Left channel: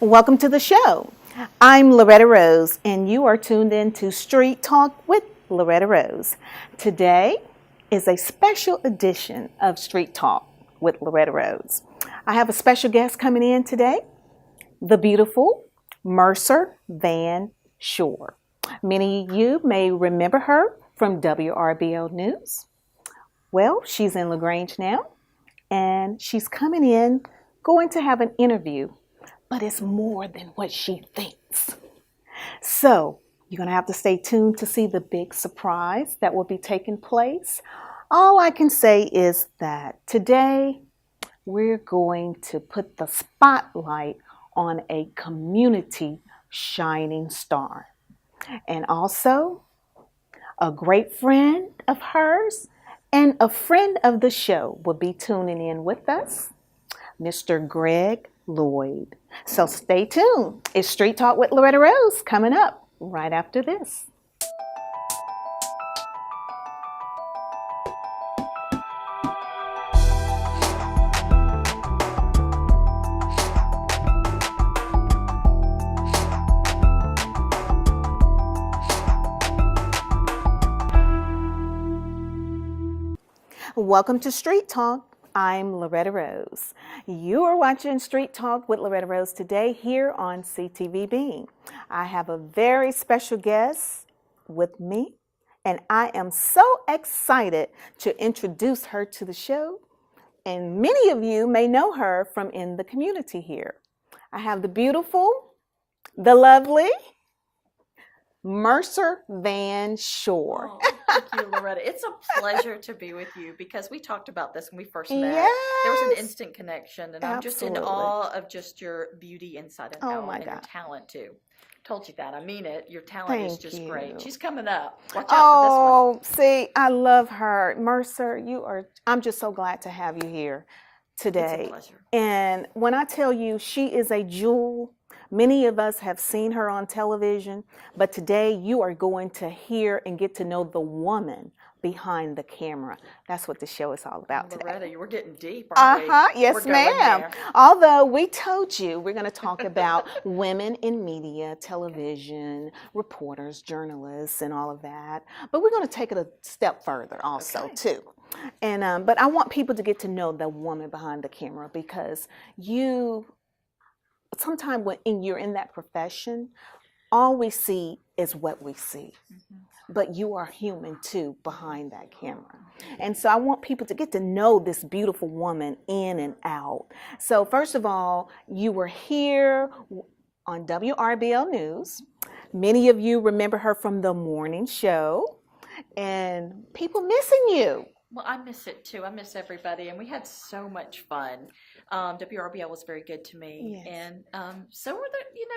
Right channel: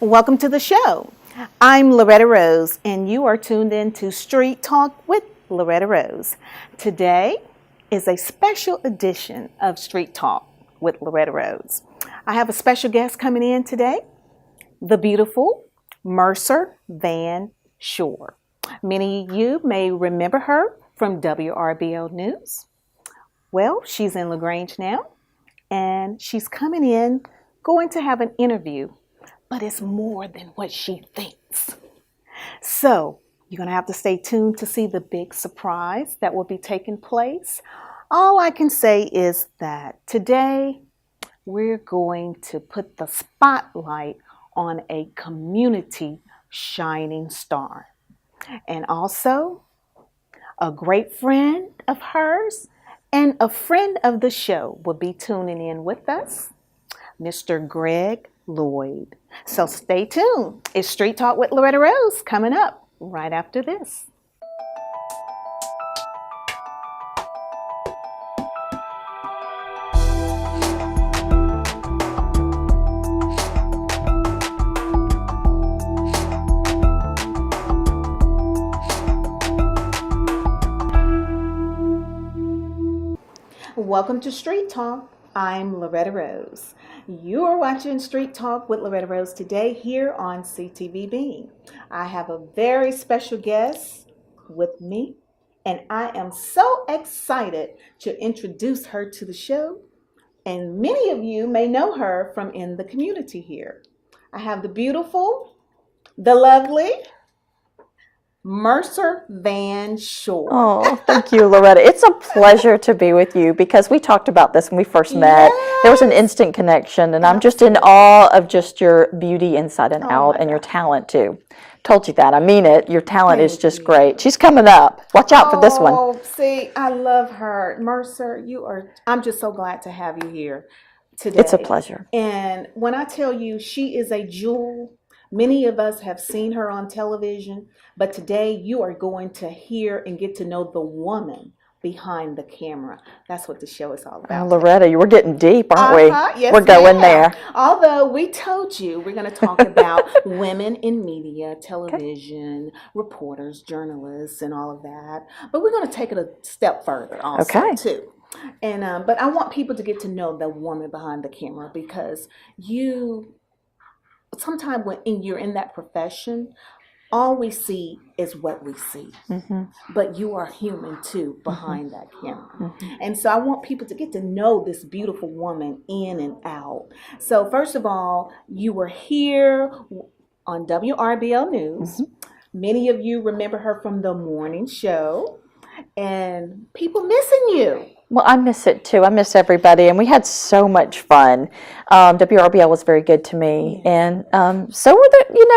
Welcome to the show. I'm Loretta Rose, and you are tuned in to Street Talk with Loretta Rose. Today is a special edition of Street Talk with Loretta Rose. I have a special guest coming in today, the beautiful Mercer Van Schoor. Many of you may remember her from WRBL News. Well, she's in LaGrange now, and she's coming in, going to have an interview, but it's more than what she thinks. So you're going to have to stay tuned to see the big surprise that will be taking place. All I can say is that today we're going to put the spotlight on a community shining star. And also a great friend of hers and a friend of the show will be tuning in with us, Mr. Greg Loyd. So stay tuned. It's Street Talk with Loretta Rose coming up right after this. Welcome to Street Talk. I'm Loretta Rose. You are watching Street Talk with Loretta Rose today here on CTV Bean. I have a very special guest with me, and I am so excited to introduce her to the show. And many of you may know her from in the community here. I have the beautiful, the lovely Mercer Van Schoor. Oh, thank you, Loretta. It's a pleasure to be with you because we talked about this when we first met. There was an instant connection, and I'm just in awe of just your beauty inside and out and your talent, too. Told you that. I mean it. Your talent is just great. She's coming up. Watch out for this one. Oh, see, I love her. Mercer, I'm just so glad to have you here today. It's a pleasure. And when I tell you she is a jewel, many of us have seen her on television, but today you are going to hear and get to know the woman behind the camera. That's what the show is all about. Loretta, you were getting deep, aren't we? Yes, we're going there. Although we told you we're going to talk about women in media, television, reporters, journalists, and all of that. But we're going to take it a step further also, too. And but I want people to get to know the woman behind the camera because sometimes when you're in that profession, all we see is what we see. Mm-hmm. But you are human too behind that camera. Mm-hmm. And so I want people to get to know this beautiful woman in and out. So first of all, you were here on WRBL News. Mm-hmm. Many of you remember her from the morning show, and people missing you. Well, I miss it too. I miss everybody, and we had so much fun. WRBL was very good to me, and so were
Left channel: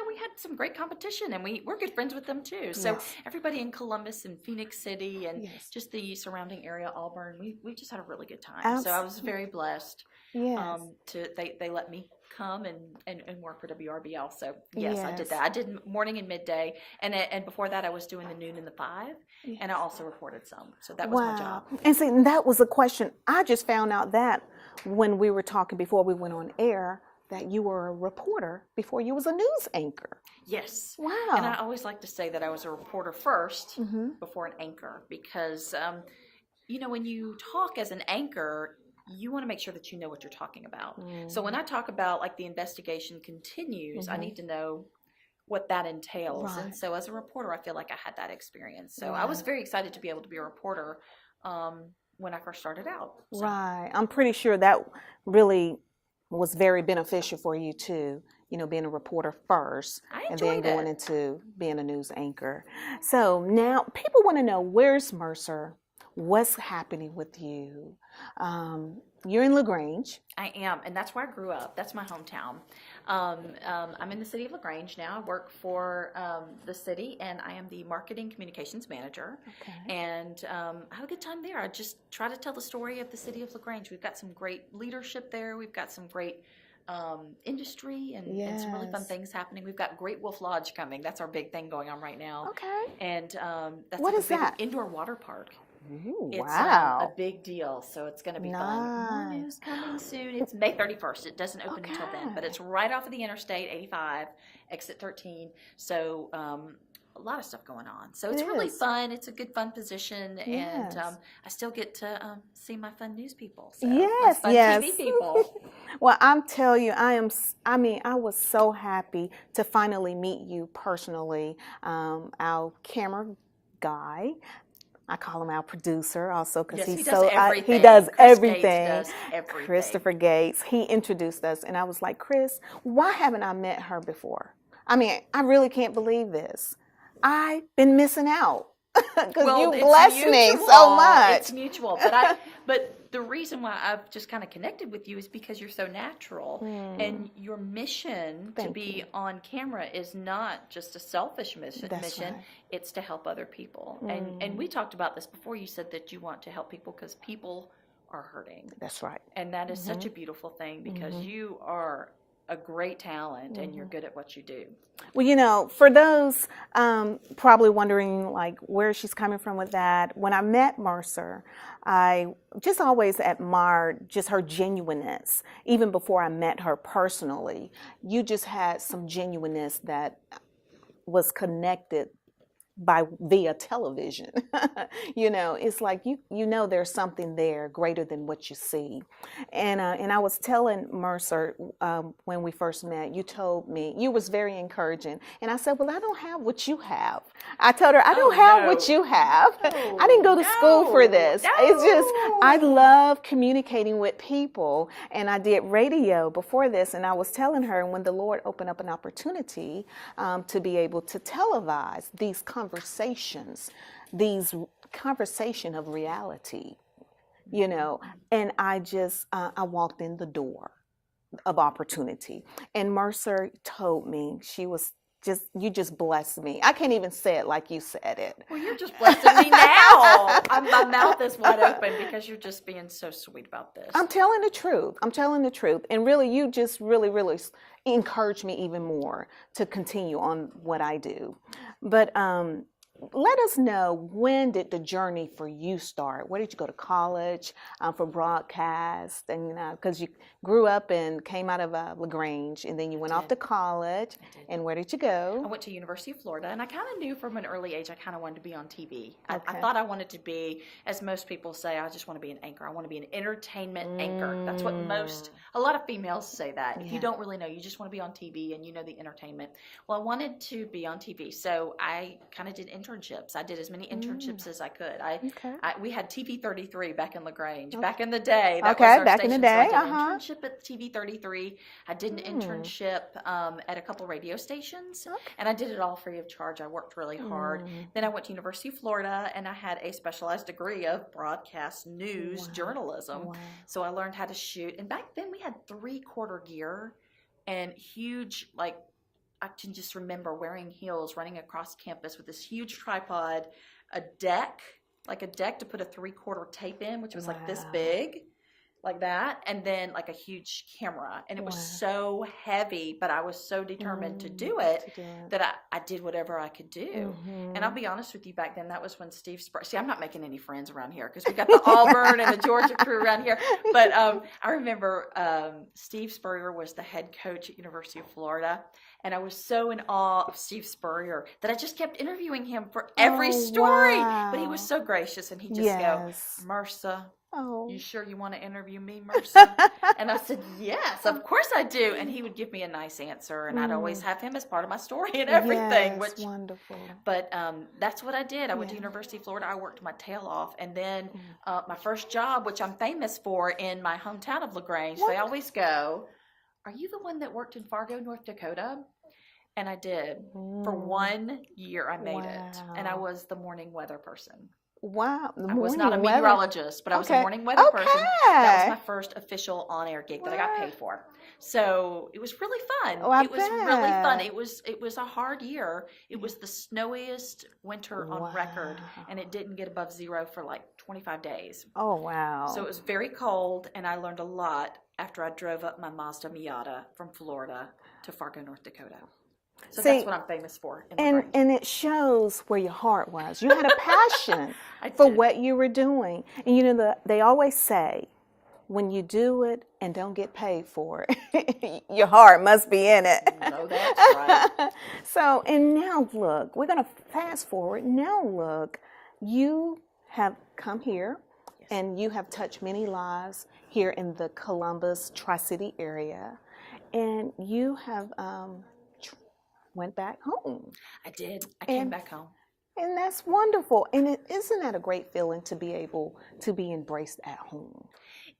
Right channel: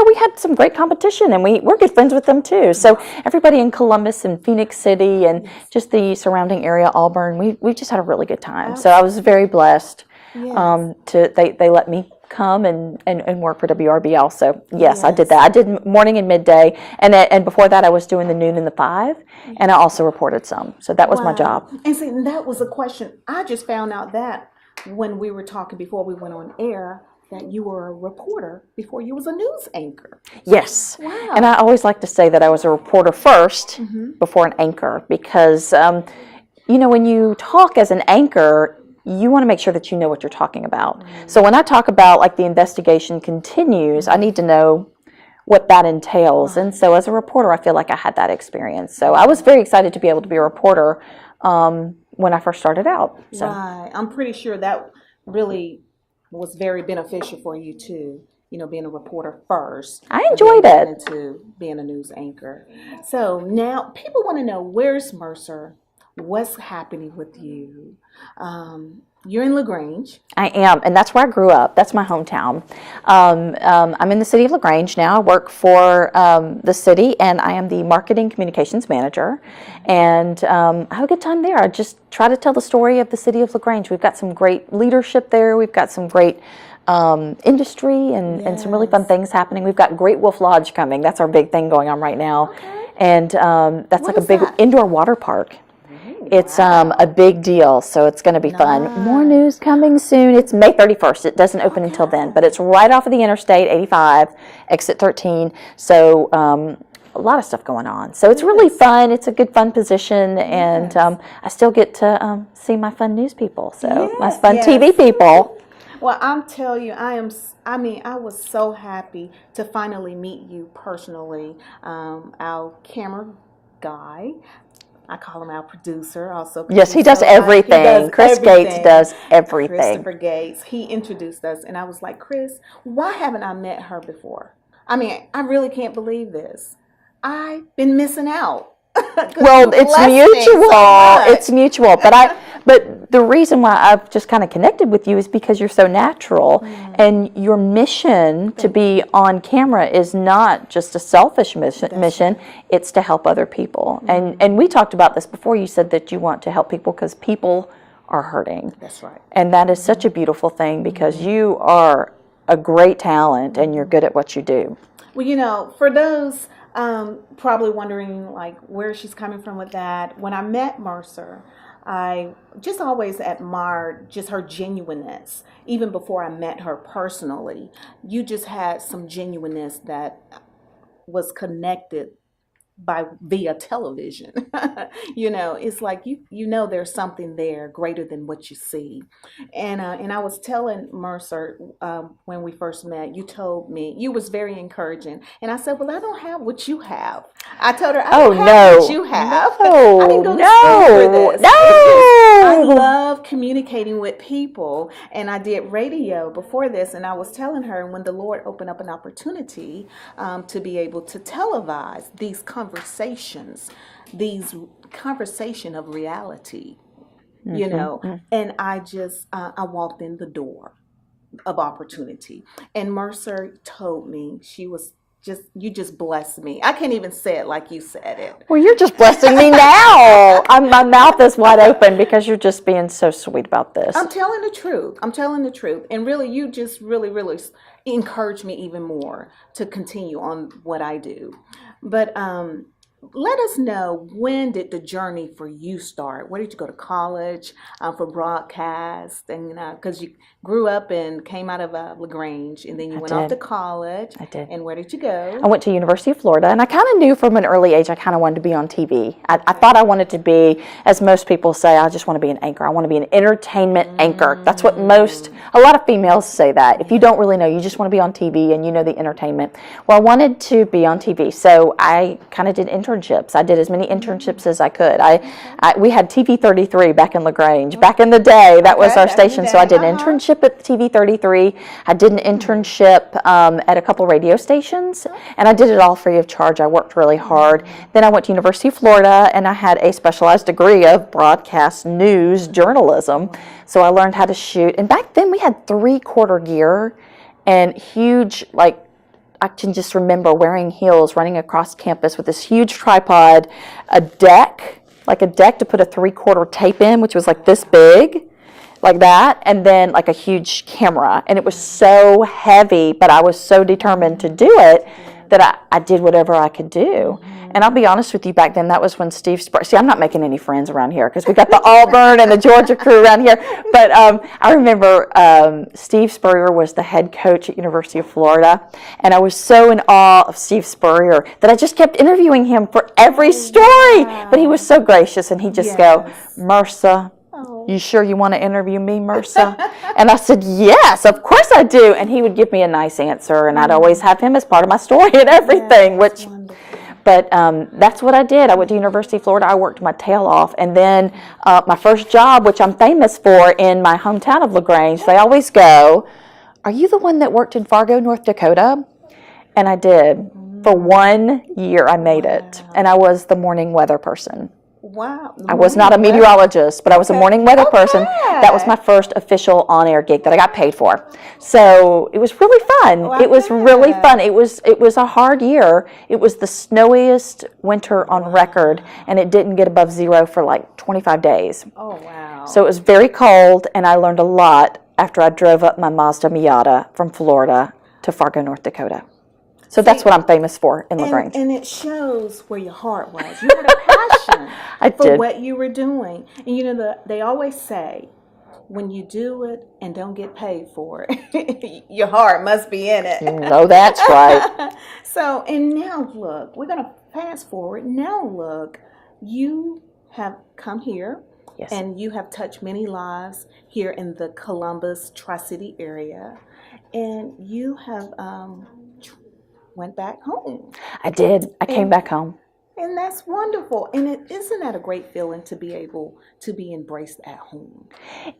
we had some great competition, and we're good friends with them too. So everybody in Columbus and Phoenix City and just the surrounding area, Auburn, we just had a really good time. So I was very blessed. They let me come and work for WRBL. So yes, I did that. I did morning and midday, and before that I was doing the noon and the 5, and I also reported some. So that was my job. And see, that was a question. I just found out that when we were talking before we went on air, that you were a reporter before you was a news anchor. Yes. Wow. And I always like to say that I was a reporter first before an anchor because, when you talk as an anchor, you want to make sure that you know what you're talking about. So when I talk about like the investigation continues, I need to know what that entails. And so as a reporter, I feel like I had that experience. So I was very excited to be able to be a reporter when I first started out. So. Right. I'm pretty sure that really was very beneficial for you too. Being a reporter first. I enjoyed it. Into being a news anchor. So now people want to know, where's Mercer? What's happening with you? You're in LaGrange. I am, and that's where I grew up. That's my hometown. I'm in the city of LaGrange now. I work for the city, and I am the marketing communications manager. And I have a good time there. I just try to tell the story of the city of LaGrange. We've got some great leadership there. We've got some great industry and some really fun things happening. We've got Great Wolf Lodge coming. That's our big thing going on right now. And that's like a big indoor water park. It's a big deal, so it's going to be fun. More news coming soon. It's May 31st. It doesn't open until then, but it's right off of the Interstate 85, exit 13. So a lot of stuff going on. So it's really fun. It's a good, fun position, and I still get to see my fun news people, so my fun TV people. Well, I'm telling you, I was so happy to finally meet you personally. Our camera guy, I call him our producer also. Yes, he does everything. He does Chris everything. Gates does everything. Christopher Gates, he introduced us, and I was like, Chris, why haven't I met her before? I mean, I really can't believe this. I've been missing out. Well, it's mutual. So it's mutual. But the reason why I've just kind of connected with you is because you're so natural, and your mission to be on camera is not just a selfish mission. It's to help other people. And we talked about this before. You said that you want to help people because people are hurting. That's right. And that is such a beautiful thing because you are a great talent and you're good at what you do. Well, you know, for those probably wondering like where she's coming from with that, when I met Mercer, I just always admired just her genuineness. Even before I met her personally, you just had some genuineness that was connected via television. You know, it's like you know there's something there greater than what you see. And I was telling Mercer when we first met, you told me you was very encouraging, and I said, well, I don't have what you have. I told her I don't have what you have. I didn't go to school for this. I love communicating with people, and I did radio before this, and I was telling her when the Lord opened up an opportunity to be able to televise these conversations of reality, you know, and I just, I walked in the door of opportunity, and Mercer told me you just blessed me. I can't even say it like you said it. Well, you're just blessing me now. My mouth is wide open because you're just being so sweet about this. I'm telling the truth. And really, you just really encouraged me even more to continue on what I do. But let us know, when did the journey for you start? Where did you go to college for broadcast? And because you grew up and came out of LaGrange, and then you went off to college. I did. And where did you go? I went to University of Florida, and I kind of knew from an early age I kind of wanted to be on TV. I thought I wanted to be, as most people say, I just want to be an anchor. I want to be an entertainment anchor. That's what a lot of females say that. If you don't really know, you just want to be on TV and you know the entertainment. Well, I wanted to be on TV, so I kind of did internships. I did as many internships as I could. We had TV 33 back in LaGrange. Back in the day, that was our station. So I did an internship at TV 33. I did an internship at a couple radio stations, and I did it all free of charge. I worked really hard. Then I went to University of Florida, and I had a specialized degree of broadcast news journalism. So I learned how to shoot. And back then we had 3/4 gear and huge, like, I can just remember wearing heels, running across campus with this huge tripod, a deck to put a 3/4 tape in, which was like this big, like that, and then like a huge camera. And it was so heavy, but I was so determined to do it that I did whatever I could do. And I'll be honest with you, back then, that was when Steve Spurrier, see, I'm not making any friends around here because we got the Auburn and the Georgia crew around here. But I remember Steve Spurrier was the head coach at University of Florida. And I was so in awe of Steve Spurrier that I just kept interviewing him for every story. But he was so gracious, and he'd just go, Mercer, you sure you want to interview me, Mercer? And I said, yes, of course I do. And he would give me a nice answer, and I'd always have him as part of my story and everything, which... But that's what I did. I went to University of Florida. I worked my tail off. And then my first job, which I'm famous for in my hometown of LaGrange, they always go, are you the one that worked in Fargo, North Dakota? And I did. For 1 year, I made it. And I was the morning weather person. Wow. I was not a meteorologist, but I was a morning weather person. That was my first official on-air gig that I got paid for. So it was really fun. It was really fun. It was a hard year. It was the snowiest winter on record, and it didn't get above 0 for like 25 days. Oh, wow. So it was very cold, and I learned a lot after I drove up my Mazda Miata from Florida to Fargo, North Dakota. So that's what I'm famous for in LaGrange. And it shows where your heart was. You had a passion for did. what you were doing. And you know, they always say, when you do it and don't get paid for it, your heart must be in it. No, that's right. So, and now look, we're going to fast forward. Now look, you have come here. Yes. And you have touched many lives here in the Columbus Tri-City area. And you have went back home. I did. I came back home. And that's wonderful. And isn't that a great feeling to be able to be embraced at home?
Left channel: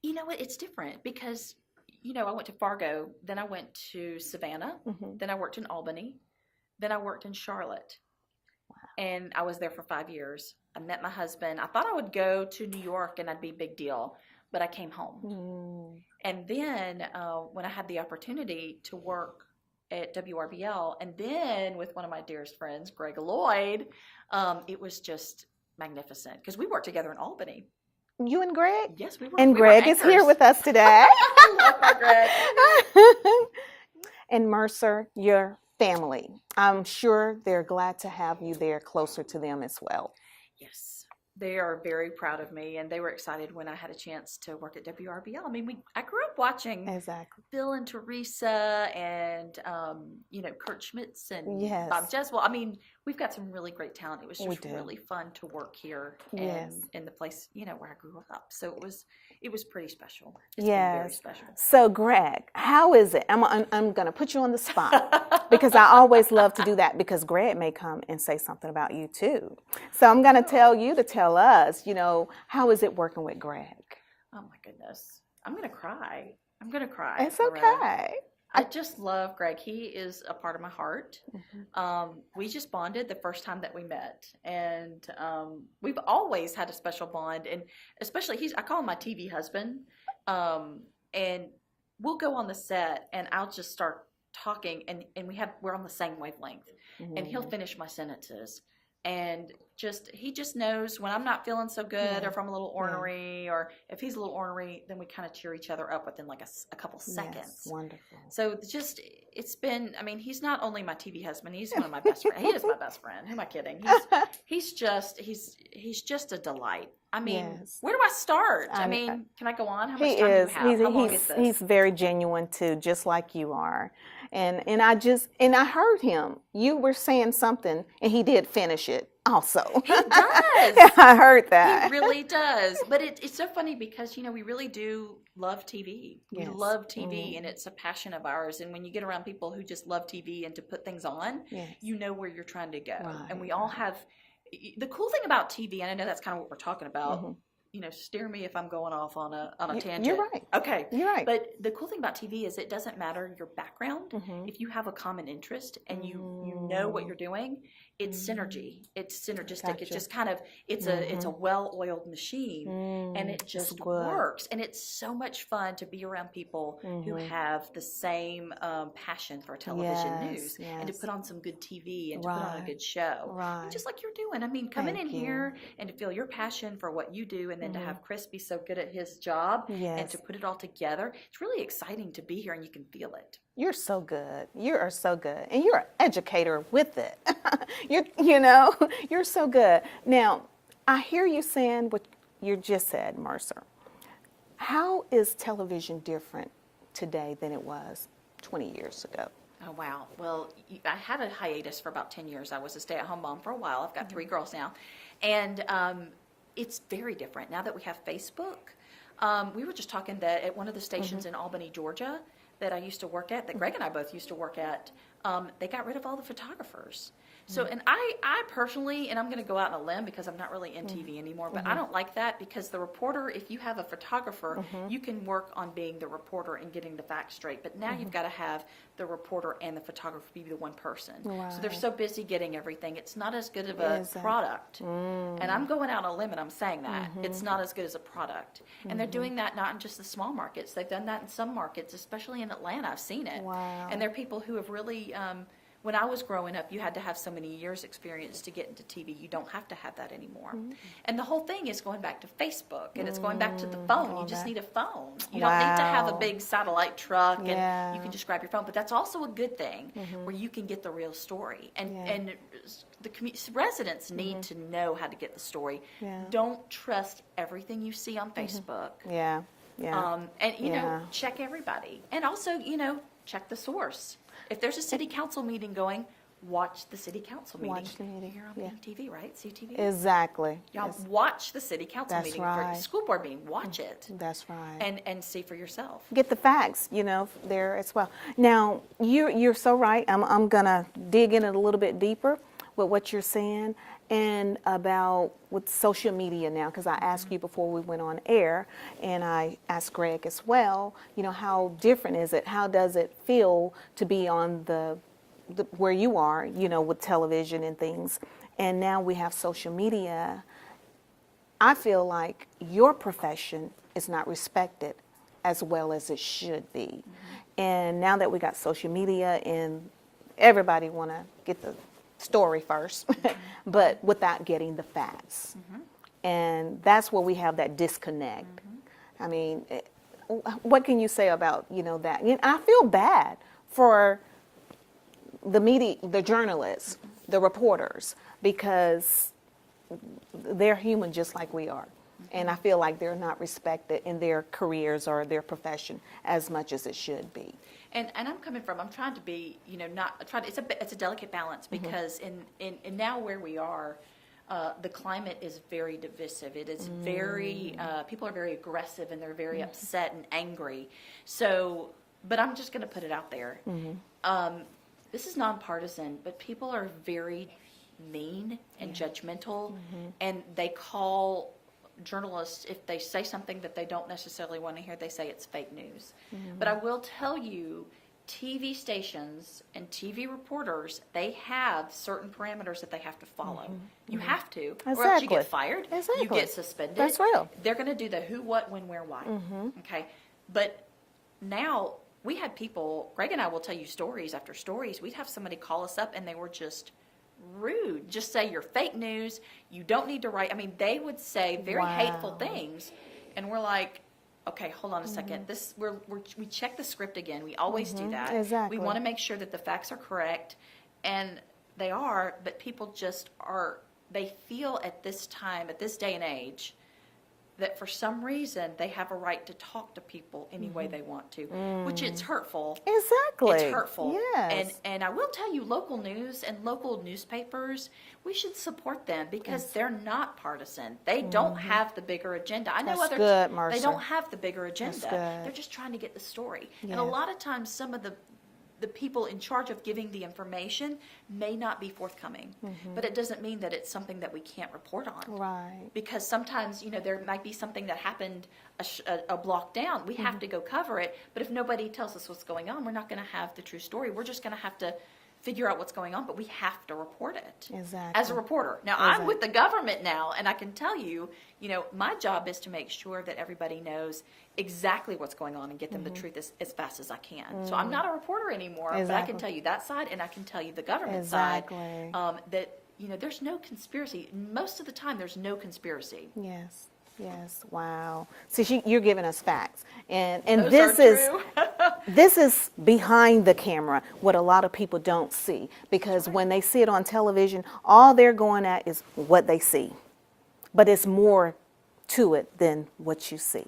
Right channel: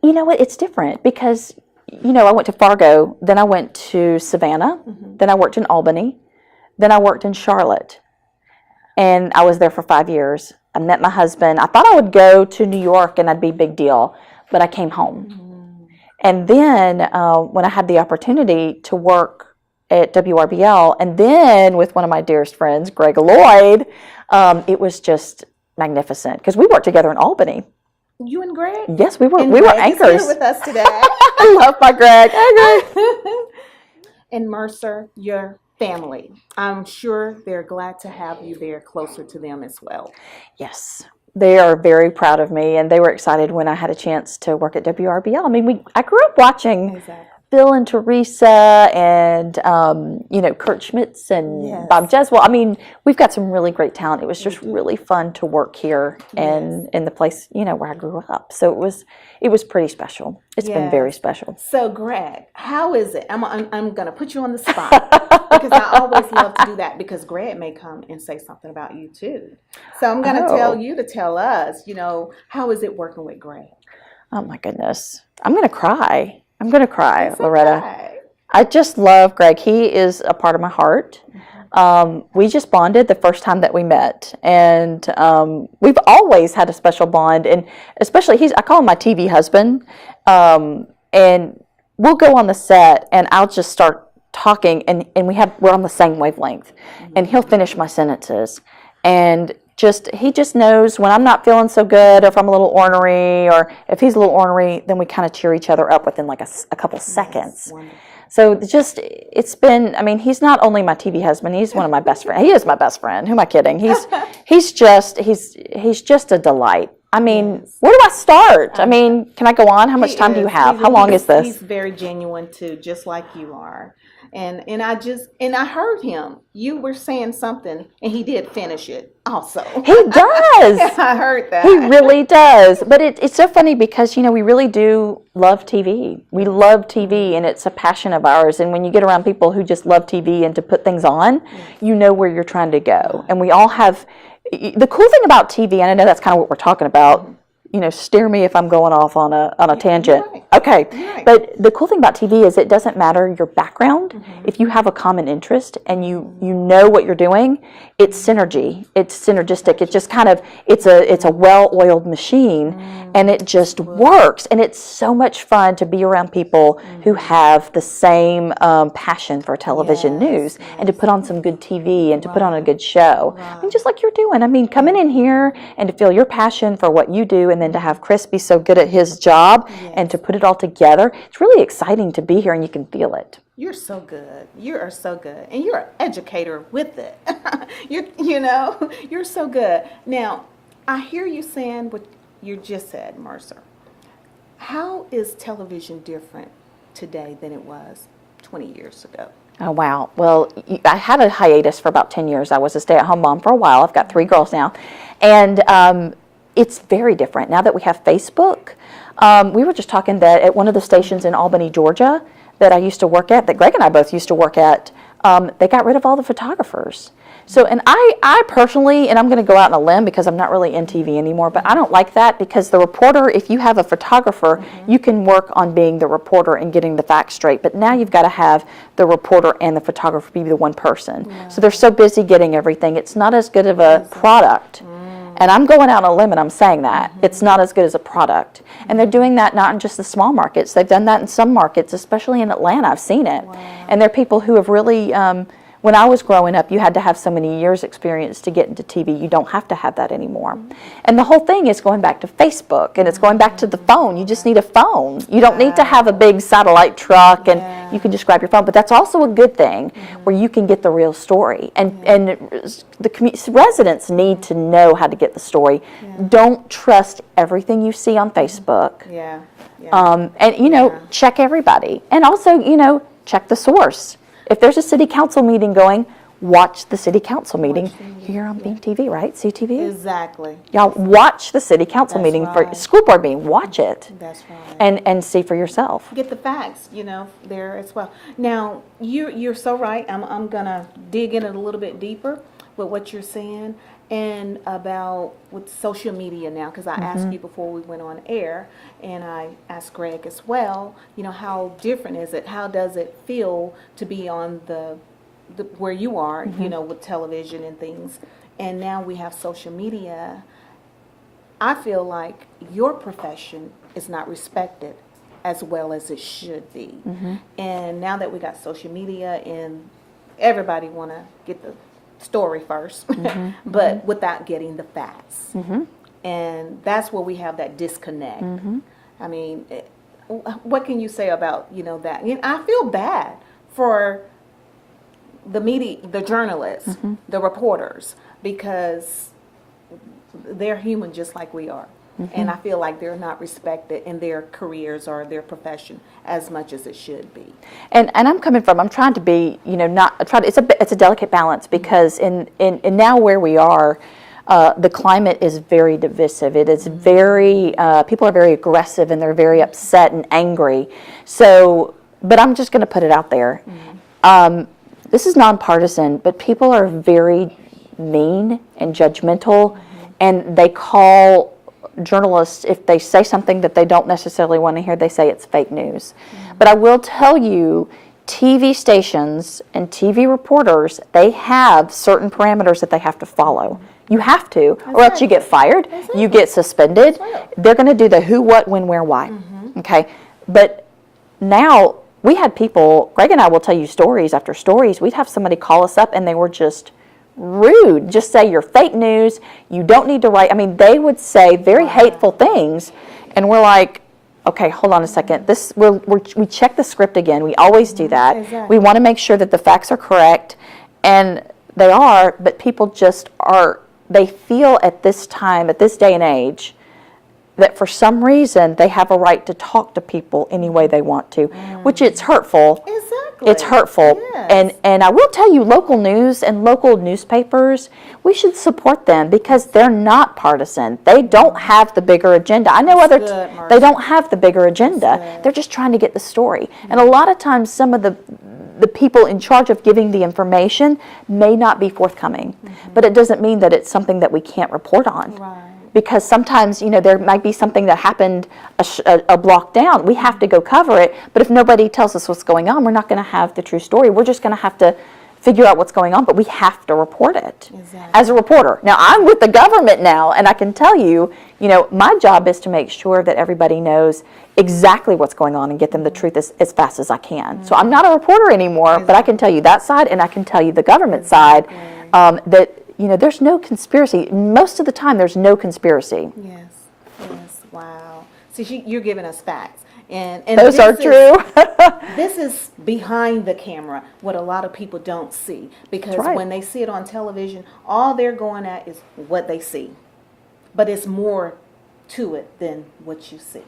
You know what? It's different because, you know, I went to Fargo, then I went to Savannah, then I worked in Albany, then I worked in Charlotte. And I was there for 5 years. I met my husband. I thought I would go to New York and that'd be a big deal, but I came home. And then when I had the opportunity to work at WRBL, and then with one of my dearest friends, Greg Loyd, it was just magnificent because we worked together in Albany. You and Greg? Yes, we were. And we Greg were anchors. Is here with us today. I love my Greg. Hey, Greg. And Mercer, your family. I'm sure they're glad to have you there closer to them as well. Yes. They are very proud of me, and they were excited when I had a chance to work at WRBL. I mean, I grew up watching Bill and Teresa and, you know, Kurt Schmitz and Bob Jeswell. I mean, we've got some really great talent. It was just really fun to work here and in the place, you know, where I grew up. So it was pretty special. It's been very special. So, Greg, how is it? I'm going to put you on the spot because I always love to do that because Greg may come and say something about you too. So I'm going to tell you to tell us, you know, how is it working with Greg? Oh, my goodness. I'm going to cry. I'm going to cry, It's Loretta. okay. I just love Greg. He is a part of my heart. We just bonded the first time that we met, and we've always had a special bond. And especially, I call him my TV husband. And we'll go on the set, and I'll just start talking, and we're on the same wavelength. And he'll finish my sentences, and he just knows when I'm not feeling so good, or if I'm a little ornery, or if he's a little ornery, then we kind of cheer each other up within like a couple seconds. Wonderful. So it's been, I mean, he's not only my TV husband, he's one of my best friends. He is my best friend. Who am I kidding? He's just a delight. I mean, where do I start? I mean, can I go on? How much time do you have? How long is this? He's very genuine too, just like you are. And I heard him. You were saying something, and he did finish it also. He does. I heard that. He really does. But it's so funny because, you know, we really do love TV. We love TV, and it's a passion of ours. And when you get around people who just love TV and to put things on, you know where you're trying to go. And we all have, the cool thing about TV, and I know that's kind of what we're talking about, you know, steer me if I'm going off on a tangent. Right. Okay. Right. But the cool thing about TV is it doesn't matter your background. If you have a common interest and you know what you're doing, it's synergy. It's synergistic. It's just kind of, it's a well-oiled machine, and it just works. And it's so much fun to be around people who have the same passion for television news and to put on some good TV and to put on a good show. I mean, just like you're doing. I mean, coming in here and to feel your passion for what you do, and then to have Chris be so good at his job and to put it all together. It's really exciting to be here, and you can feel it. You're so good. You are so good. And you're an educator with it. you know, you're so good. Now, I hear you saying what you just said, Mercer. How is television different today than it was 20 years ago? Oh, wow. Well, I had a hiatus for about 10 years. I was a stay-at-home mom for a while. I've got 3 girls now. And it's very different. Now that we have Facebook, we were just talking that at one of the stations in Albany, Georgia, that I used to work at, that Greg and I both used to work at, they got rid of all the photographers. So, and I personally, and I'm going to go out on a limb because I'm not really in TV anymore, but I don't like that because the reporter, if you have a photographer, you can work on being the reporter and getting the facts straight. But now you've got to have the reporter and the photographer be the one person. So they're so busy getting everything. It's not as good of a product. And I'm going out on a limb and I'm saying that. It's not as good as a product. And they're doing that not in just the small markets. They've done that in some markets, especially in Atlanta. I've seen it. And there are people who have really when I was growing up, you had to have so many years experience to get into TV. You don't have to have that anymore. And the whole thing is going back to Facebook, and it's going back to the phone. You just need a phone. You don't need to have a big satellite truck, and you can just grab your phone. But that's also a good thing, where you can get the real story. And the residents need to know how to get the story. Don't trust everything you see on Facebook. And, you know, check everybody. And also, you know, check the source. If there's a city council meeting going, watch the city council meeting here on Beam TV, right? CTV? Exactly. Y'all watch the city council meeting for school board meeting. Watch it. That's right. And see for yourself. Get the facts, you know, there as well. Now, you're so right. I'm going to dig in a little bit deeper with what you're saying. And about with social media now, because I asked you before we went on air, and I asked Greg as well, you know, how different is it? How does it feel to be on the where you are, you know, with television and things, and now we have social media? I feel like your profession is not respected as well as it should be. And now that we got social media and everybody want to get the story first, but without getting the facts. And that's where we have that disconnect. I mean, what can you say about, you know, that? You know, I feel bad for the media, the journalists, the reporters, because they're human just like we are. And I feel like they're not respected in their careers or their profession as much as it should be. And I'm trying to be, you know, it's a delicate balance, because in now where we are, the climate is very divisive. It is very, people are very aggressive, and they're very upset and angry. So, but I'm just going to put it out there. This is nonpartisan, but people are very mean and judgmental, and they call journalists, if they say something that they don't necessarily want to hear, they say it's fake news. But I will tell you, TV stations and TV reporters, they have certain parameters that they have to follow. You have to, or else you get fired, you get suspended. They're going to do the who, what, when, where, why. Okay? But now, we had people, Greg and I will tell you stories after stories, we'd have somebody call us up and they were just rude. Just say you're fake news, you don't need to write. I mean, they would say very hateful things, and we're like, okay, hold on a second. We check the script again. We always do that. We want to make sure that the facts are correct, and they are, but people just are, they feel at this time, at this day and age, that for some reason they have a right to talk to people any way they want to, which it's hurtful. Exactly. It's hurtful. Yes. And I will tell you, local news and local newspapers, we should support them, because they're not partisan. They don't have the bigger agenda. I know they don't have the bigger agenda. They're just trying to get the story. And a lot of times some of the people in charge of giving the information may not be forthcoming. But it doesn't mean that it's something that we can't report on. Because sometimes, you know, there might be something that happened a block down. We have to go cover it. But if nobody tells us what's going on, we're not going to have the true story. We're just going to have to figure out what's going on, but we have to report it as a reporter. Now, I'm with the government now, and I can tell you, you know, my job is to make sure that everybody knows exactly what's going on and get them the truth as fast as I can. So I'm not a reporter anymore, but I can tell you that side, and I can tell you the government side, that, you know, there's no conspiracy. Most of the time, there's no conspiracy. Yes, wow. See, you're giving us facts. And those are true. This is behind the camera, what a lot of people don't see. Because when they see it on television, all they're going at is what they see. But it's more to it than what you see.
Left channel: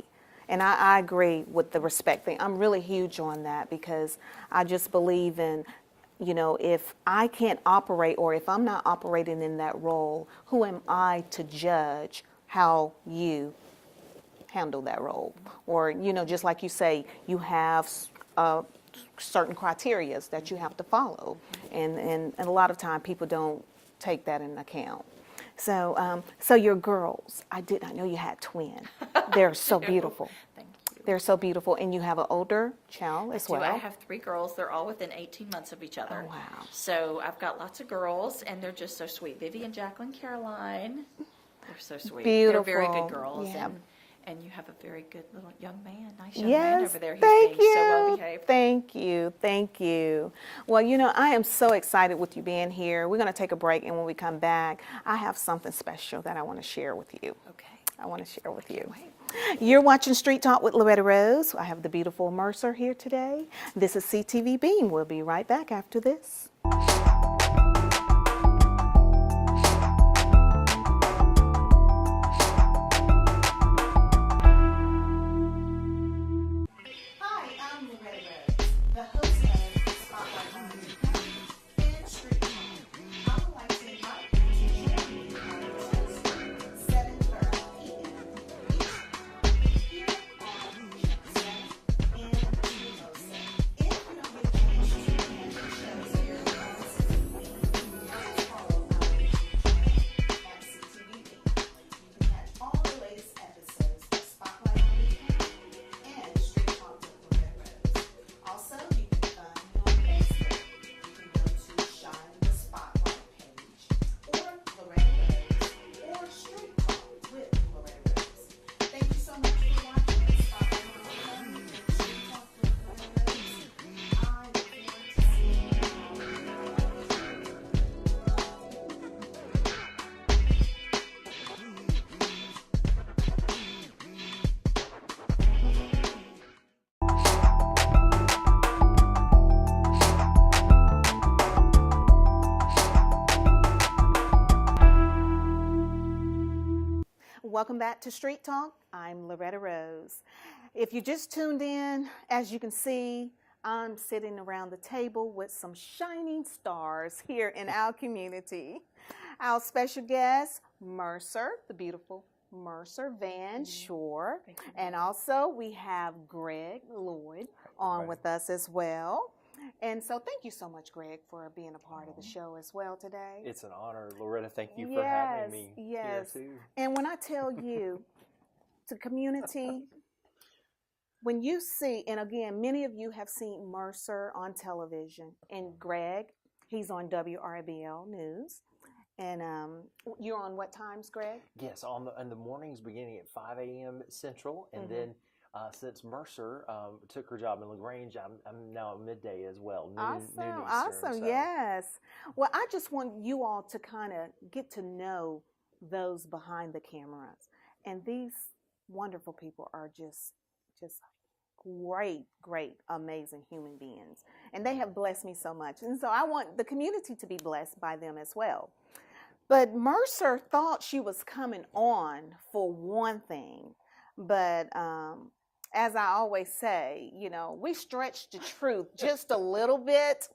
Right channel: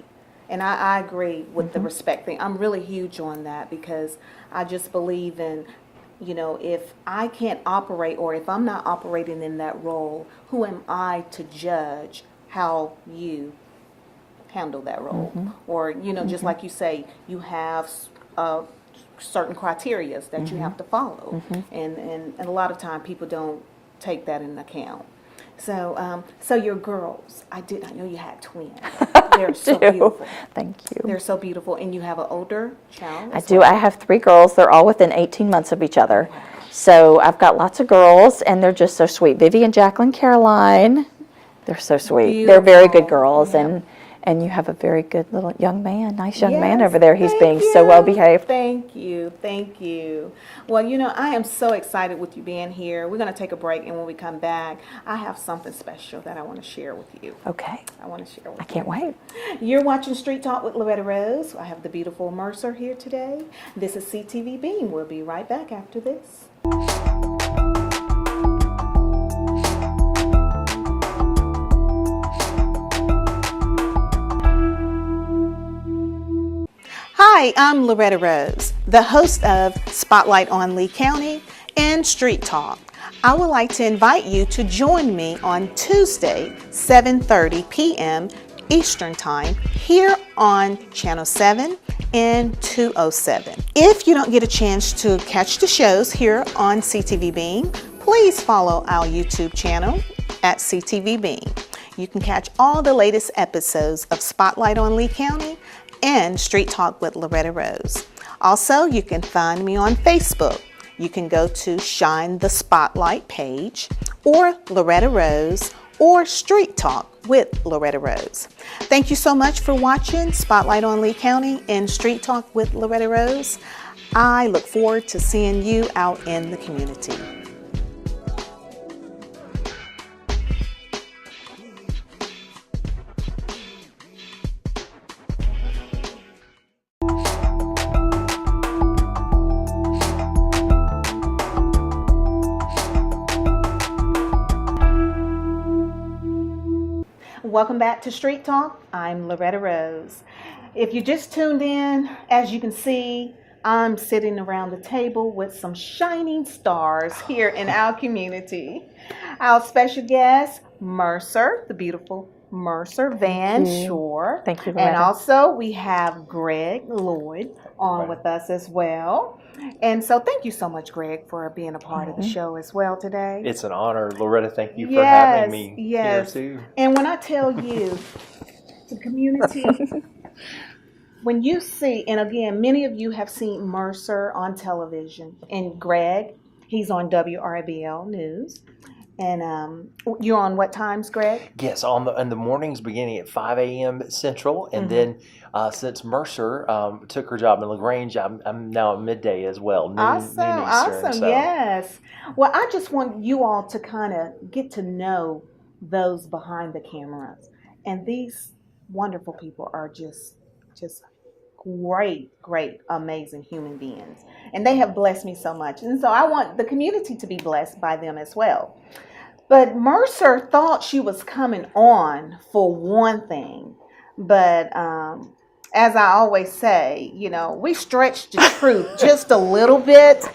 And I agree with the respect thing. I'm really huge on that, because I just believe in, you know, if I can't operate, or if I'm not operating in that role, who am I to judge how you handle that role? Or, you know, just like you say, you have certain criteria that you have to follow. And a lot of time people don't take that into account. So so your girls, I did not know you had twins. They're so beautiful. Thank you. They're so beautiful. And you have an older child? I do. I have 3 girls. They're all within 18 months of each other. So I've got lots of girls, and they're just so sweet. Vivian, Jacqueline, Caroline, they're so sweet. Beautiful. They're very good girls. And you have a very good little young man, nice young man Yes, over there. He's thank being so you. well behaved. Thank you. Thank you. Well, I am so excited with you being here. We're going to take a break, and when we come back, I have something special that I want to share with you. Okay. I want to share with you. I can't wait. You're watching Street Talk with Loretta Rose. I have the beautiful Mercer here today. This is CTV Beam. We'll be right back after this. Hi, I'm Loretta Rose, the host of Spotlight on Lee County and Street Talk. I would like to invite you to join me on Tuesday, 7:30 p.m. Eastern Time here on Channel 7 and 207. If you don't get a chance to catch the shows here on CTV Beam, please follow our YouTube channel at CTV Beam. You can catch all the latest episodes of Spotlight on Lee County and Street Talk with Loretta Rose. Also, you can find me on Facebook. You can go to Shine the Spotlight page, or Loretta Rose, or Street Talk with Loretta Rose. Thank you so much for watching Spotlight on Lee County and Street Talk with Loretta Rose. I look forward to seeing you out in the community. Welcome back to Street Talk. I'm Loretta Rose. If you just tuned in, as you can see, I'm sitting around the table with some shining stars here in our community. Our special guest, Mercer, the beautiful Mercer Van Schoor. Thank you, And Loretta. also we have Greg Loyd on with us as well. And so thank you so much, Greg, for being a part of the show as well today. It's an honor. Loretta, thank you for having me here too. And when I tell you, the community, when you see, and again, many of you have seen Mercer on television, and Greg, he's on WRBL News. And you're on what times, Greg? Yes, in the mornings beginning at 5 a.m. Central, and then since Mercer took her job in LaGrange, I'm now at midday as well. Noon Eastern, Awesome, so. yes. Well, I just want you all to kind of get to know those behind the cameras, and these wonderful people are just great, amazing human beings, and they have blessed me so much, and so I want the community to be blessed by them as well. But Mercer thought she was coming on for one thing, but as I always say, we stretched the truth just a little bit.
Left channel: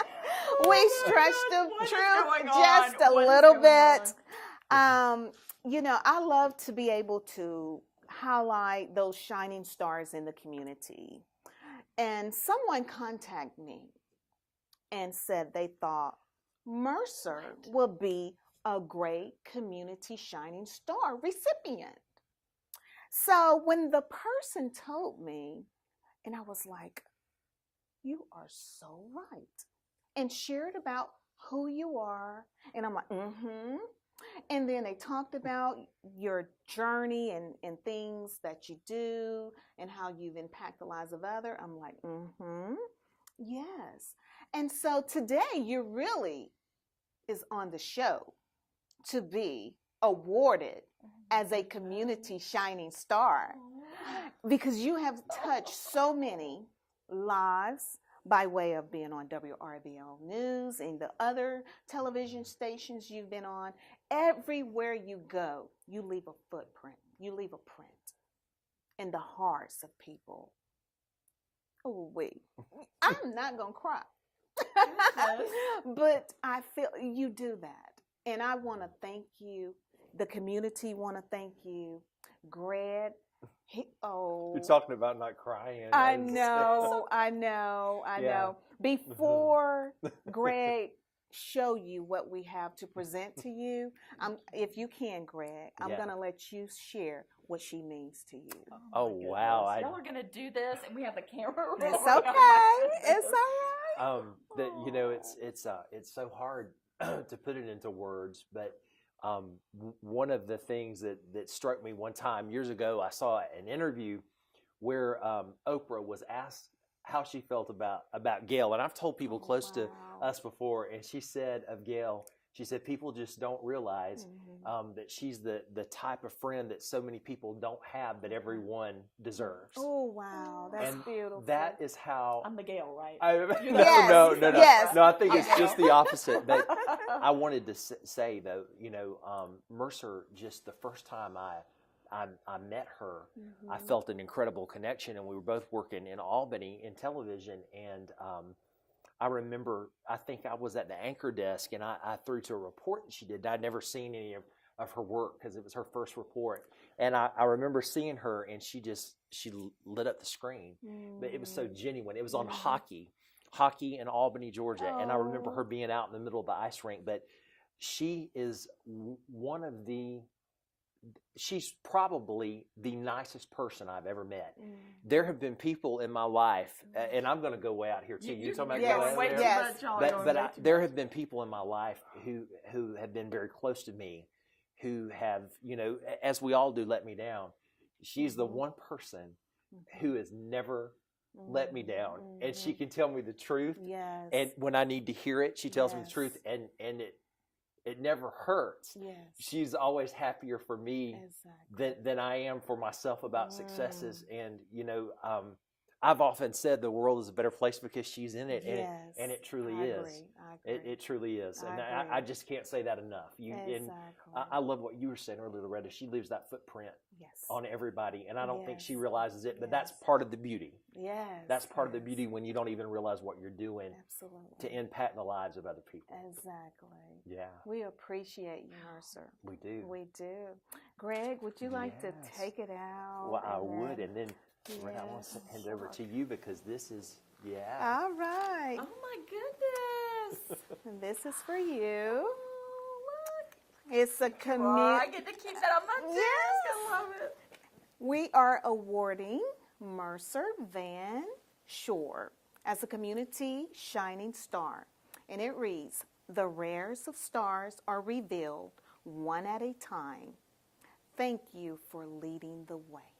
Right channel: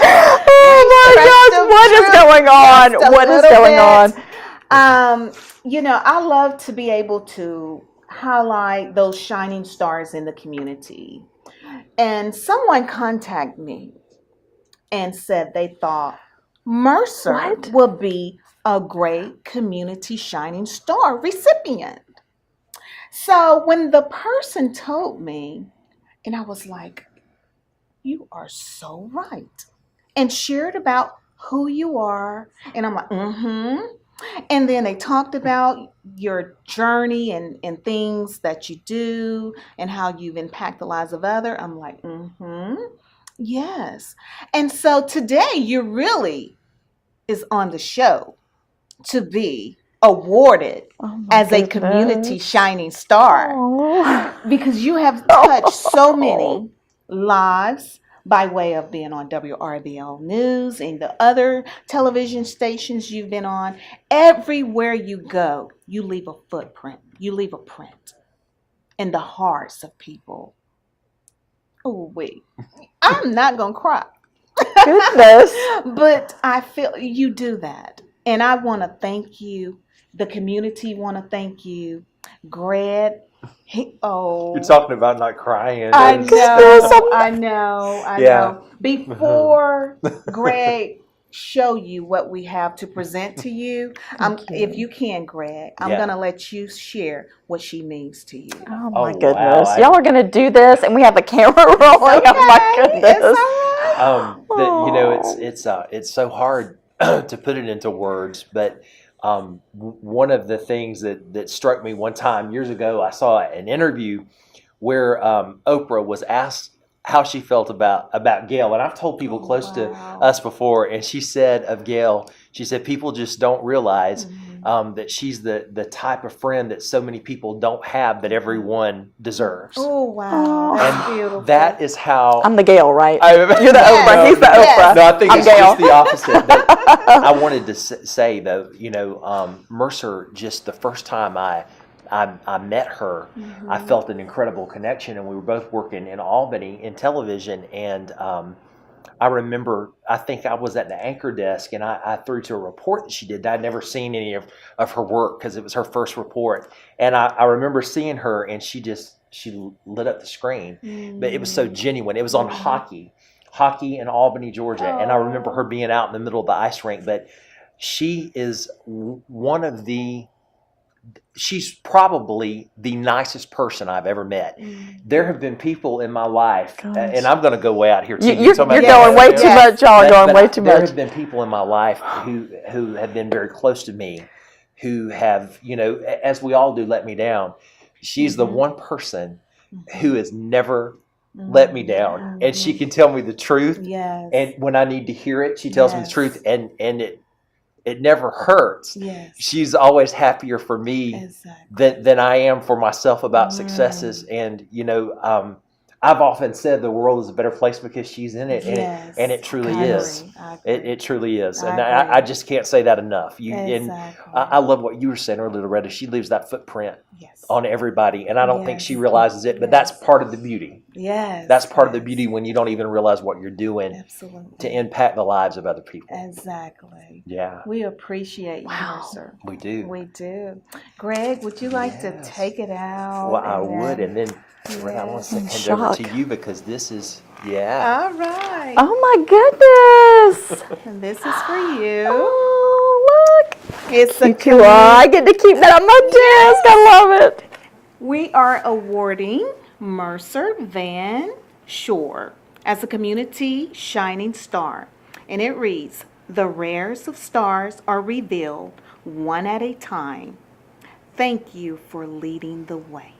Oh my gosh, what is going on? What is going on? I love to be able to highlight those shining stars in the community. And someone contacted me and said they thought Mercer would be a great community shining star recipient. So when the person told me, and I was like, you are so right, and shared about who you are, and I'm like, And then they talked about your journey and things that you do and how you've impacted the lives of others. I'm like, yes. And so today you really is on the show to be awarded as a community shining star because you have touched so many lives by way of being on WRBL News and the other television stations you've been on. Everywhere you go, you leave a footprint. You leave a print in the hearts of people. Oh, wait. I'm not going to cry. Goodness. But I feel you do that. And I want to thank you. The community want to thank you. Greg. You're talking about not crying. I know. Before Greg show you what we have to present to you, if you can, Greg, I'm going to let you share what she means to you. Oh my goodness. Wow. Y'all are going to do this and we have a camera rolling. Okay. Oh my goodness. It's so hard to put it into words, but one of the things that struck me one time years ago, I saw an interview where Oprah was asked how she felt about Gail, and I've told people close to us before, and she said of Gail, she said people just don't realize that she's the type of friend that so many people don't have that everyone deserves. Oh, wow. That's And beautiful. that is how I'm the Gail, right? You're the Oprah. He's the Oprah. No, I think I'm it's Gail. just the opposite. But I wanted to say though, Mercer, just the first time I met her, I felt an incredible connection, and we were both working in Albany in television. And I remember, I think I was at the anchor desk, and I threw to a report that she did. I'd never seen any of her work because it was her first report. And I remember seeing her, and she lit up the screen. But it was so genuine. It was on hockey in Albany, Georgia. And I remember her being out in the middle of the ice rink. But she is she's probably the nicest person I've ever met. There have been people in my life, and I'm going to go way out here too. You're going way too much, y'all. Going way too much. There have been people in my life who have been very close to me, who have, as we all do, let me down. She's the one person who has never let me down, and she can tell me the truth. Yes. And when I need to hear it, she tells me the truth, and it never hurts. Yes. She's always happier for me than I am for myself about successes. And, I've often said the world is a better place because she's in it. And it truly is. It truly is. And I just can't say that enough. And I love what you were saying earlier, Loretta. She leaves that footprint on everybody. And I don't think she realizes it, but that's part of the beauty. Yes. That's part of the beauty when you don't even realize what you're doing to impact the lives of other people. Exactly. Yeah. We appreciate you, Mercer. We do. We do. Greg, would you like to take it out? Well, I would. And then I want to hand over to you because this is, All right. Oh, my goodness. And this is for you. Oh, look. It's I get to keep that on my desk. I love it. We are awarding Mercer Van Schoor as a community shining star. And it reads, "The rarest of stars are revealed one at a time. Thank you for leading the way."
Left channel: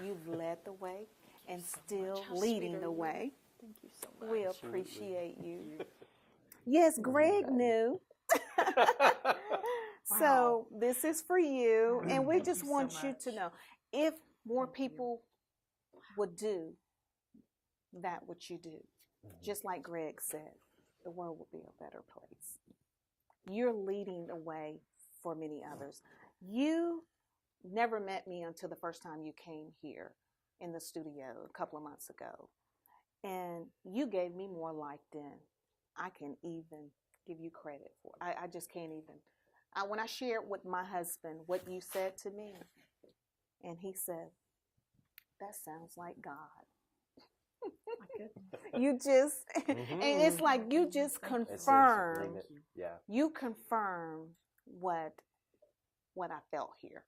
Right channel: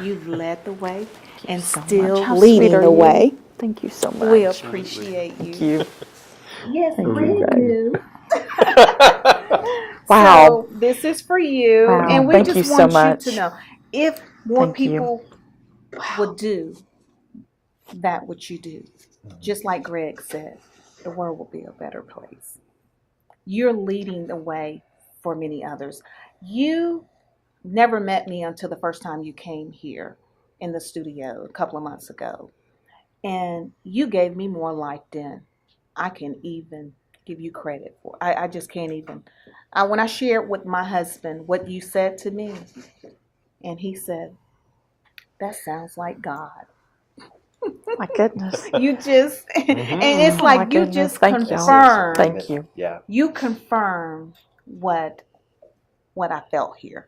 You've led the way and still leading the way. Thank you so much. We appreciate you. Thank you. Yes, Greg knew. Wow. So this is for you. Wow. And we Thank just you so want much. you to know, if more Thank you. people would do that what you do, just like Greg said, the world will be a better place. You're leading the way for many others. You never met me until the first time you came here in the studio a couple of months ago. And you gave me more life than I can even give you credit for. I just can't even. When I shared with my husband what you said to me, and he said, "That sounds like God." My goodness. You just, and it's like my you goodness. just Thank you. confirmed. Thank you. Yeah. You confirmed what I felt here.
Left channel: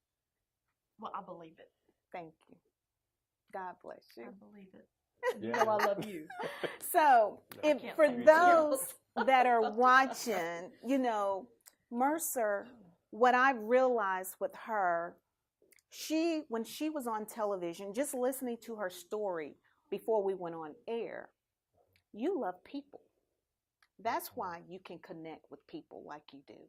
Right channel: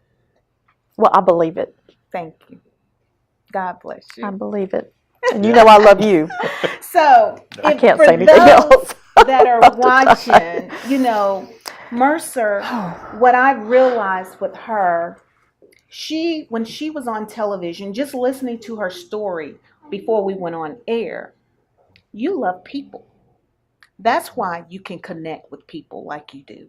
Well, I believe it. Thank you. God bless you. I believe it. And you know I love you. So, I can't for say anything those else. that are watching, Mercer, what I realized with her, when she was on television, just listening to her story before we went on air, you love people. That's why you can connect with people like you do.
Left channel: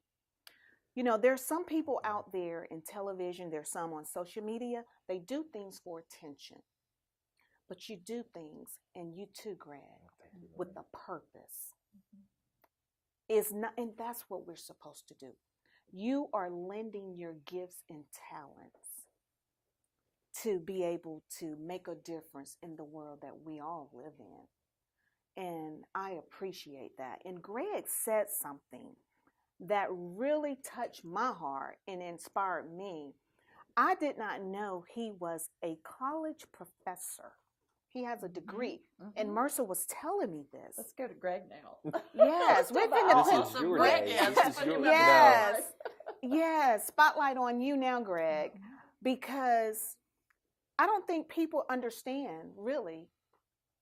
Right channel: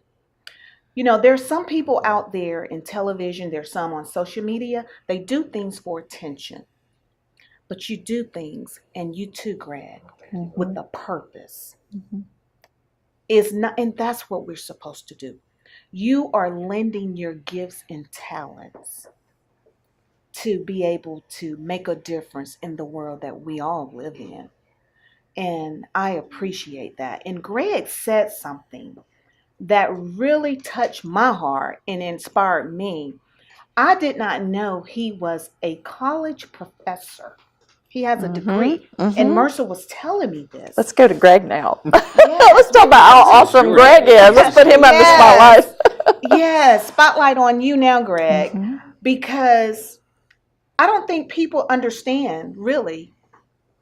There's some people out there in television, there's some on social media, they do things for attention. But you do things, and you too, Greg, with a purpose. And that's what we're supposed to do. You are lending your gifts and talents to be able to make a difference in the world that we all live in. And I appreciate that. And Greg said something that really touched my heart and inspired me. I did not know he was a college professor. He has a degree. And Mercer was telling me this. Let's go to Greg now. Let's talk about how awesome Greg is. Let's put him on the spotlight. Yes, spotlight on you now, Greg, because I don't think people understand really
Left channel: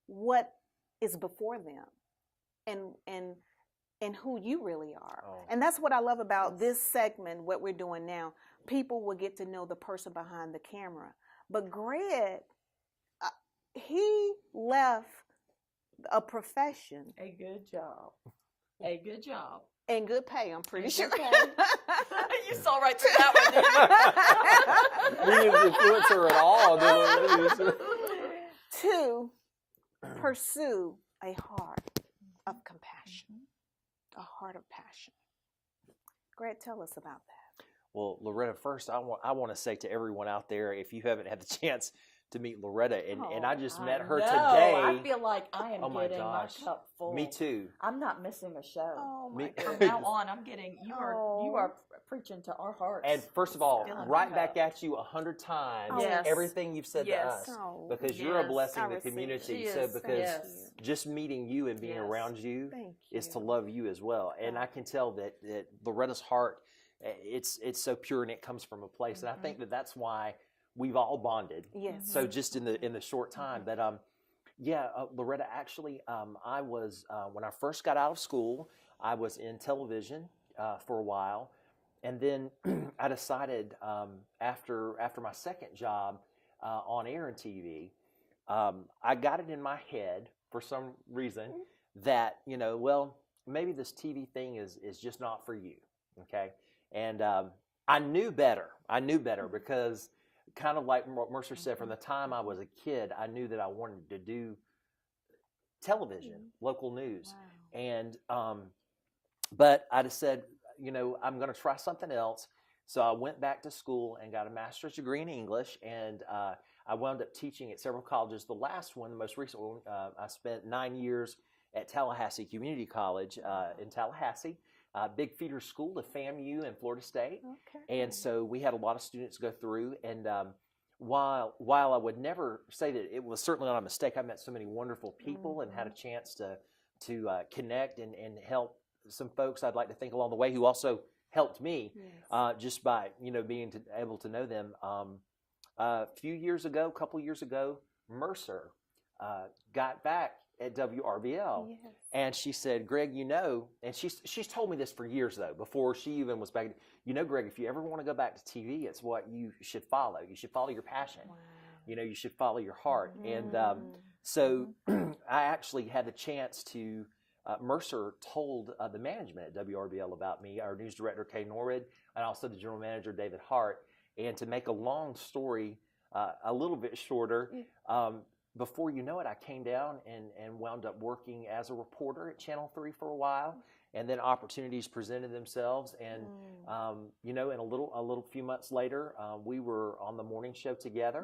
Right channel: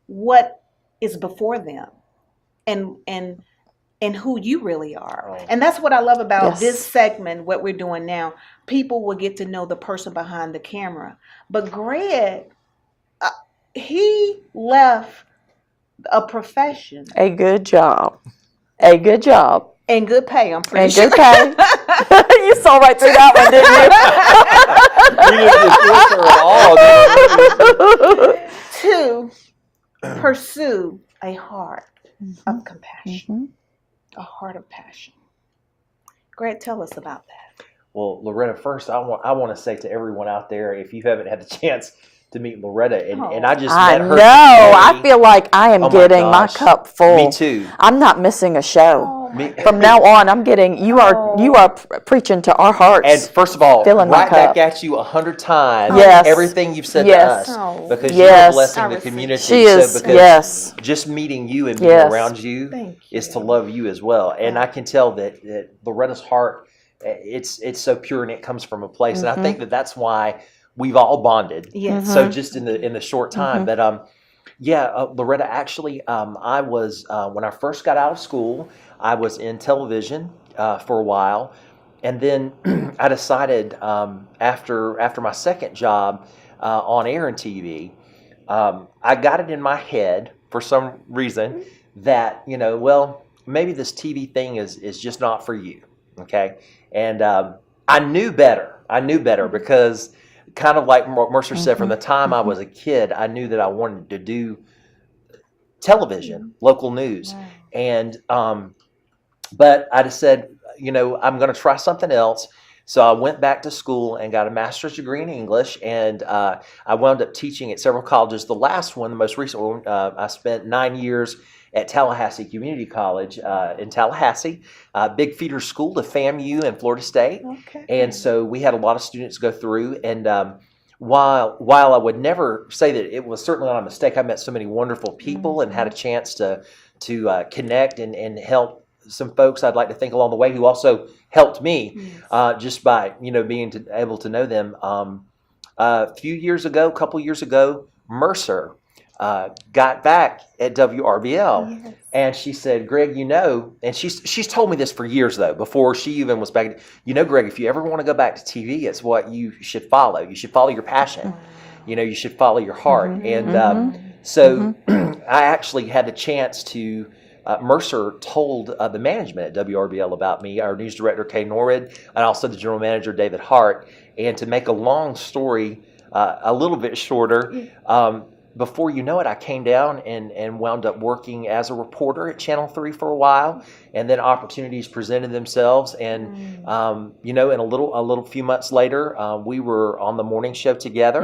what is before them and and who you really are. Oh. And that's what I love about Yes. this segment, what we're doing now. People will get to know the person behind the camera. But Greg, he left a profession A good job. A good job. and good pay, I'm pretty And sure. good pay. You saw right through that one, didn't you? You didn't just filter at all. To pursue a heart of compassion, Mhm. a heart of passion. Greg, tell us about that. Well, Loretta, first I want to say to everyone out there, if you haven't had the chance to meet Loretta, and I just I met know. her I today. feel like I am Oh my getting my gosh. cup full. Me too. I'm not missing a show. Oh, Me- From now on, I'm getting you are preaching to our hearts. And first of all, Filling my right back cup. at you 100 times. Yes. Everything you've said Yes. to us, Oh. because Yes. you're blessing I the receive. community. She is. So because Yes. just meeting you and being Yes. around you Thank is you. to love you as well. And I can tell that Loretta's heart, it's so pure, and it comes from a place. And I think that that's why we've all bonded. Yes. So just in the short time, but Loretta, actually, I was when I first got out of school, I was in television for a while, and then I decided after my second job on air and TV, I got it in my head for some reason that well, maybe this TV thing is just not for you, okay? And I knew better. Because kind of like Mercer said, from the time I was a kid, I knew that I wanted to do television, local news, and but I just said, I'm going to try something else. So I went back to school and got a master's degree in English, and I wound up teaching at several colleges. The last one, the most recent one, I spent 9 years at Tallahassee Community College in Tallahassee, big feeder school to FAMU and Florida State. Okay. And so we had a lot of students go through, and while I would never say that it was certainly not a mistake, I met so many wonderful people and had a chance to connect and help some folks I'd like to think along the way who also helped me just by being able to know them. A couple years ago, Mercer got back at WRBL, and she said, Greg, and she's told me this for years though, before she even was back. Greg, if you ever want to go back to TV, it's what you should follow. You should follow your passion. You should follow your heart. And so I actually had the chance to. Mercer told the management at WRBL about me, our news director, Kay Norwood, and also the general manager, David Hart. And to make a long story a little bit shorter, before you know it, I came down and wound up working as a reporter at Channel 3 for a while. And then opportunities presented themselves. And, in a little few months later, we were on the morning show together.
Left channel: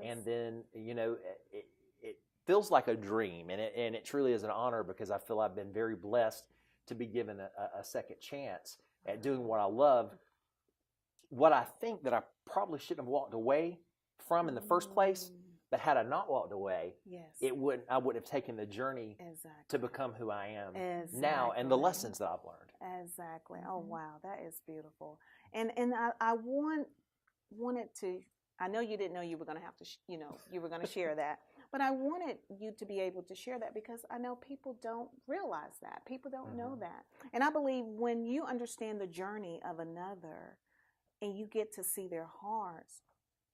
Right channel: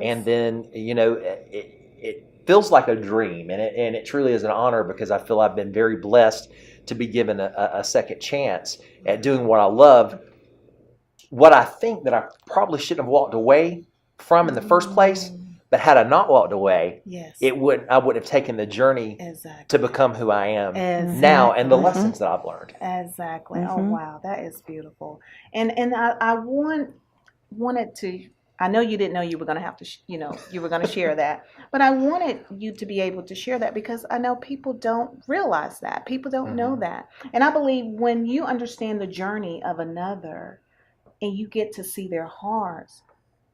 And then, it feels like a dream, and it truly is an honor, because I feel I've been very blessed to be given a second chance at doing what I love. What I think that I probably shouldn't have walked away from in the first place, but had I not walked away, I wouldn't have taken the journey to become who I am now, and the lessons that I've learned. Exactly. Oh wow, that is beautiful. And I wanted to. I know you didn't know you were going to have to, you were going to share that. But I wanted you to be able to share that, because I know people don't realize that. People don't know that. And I believe when you understand the journey of another and you get to see their hearts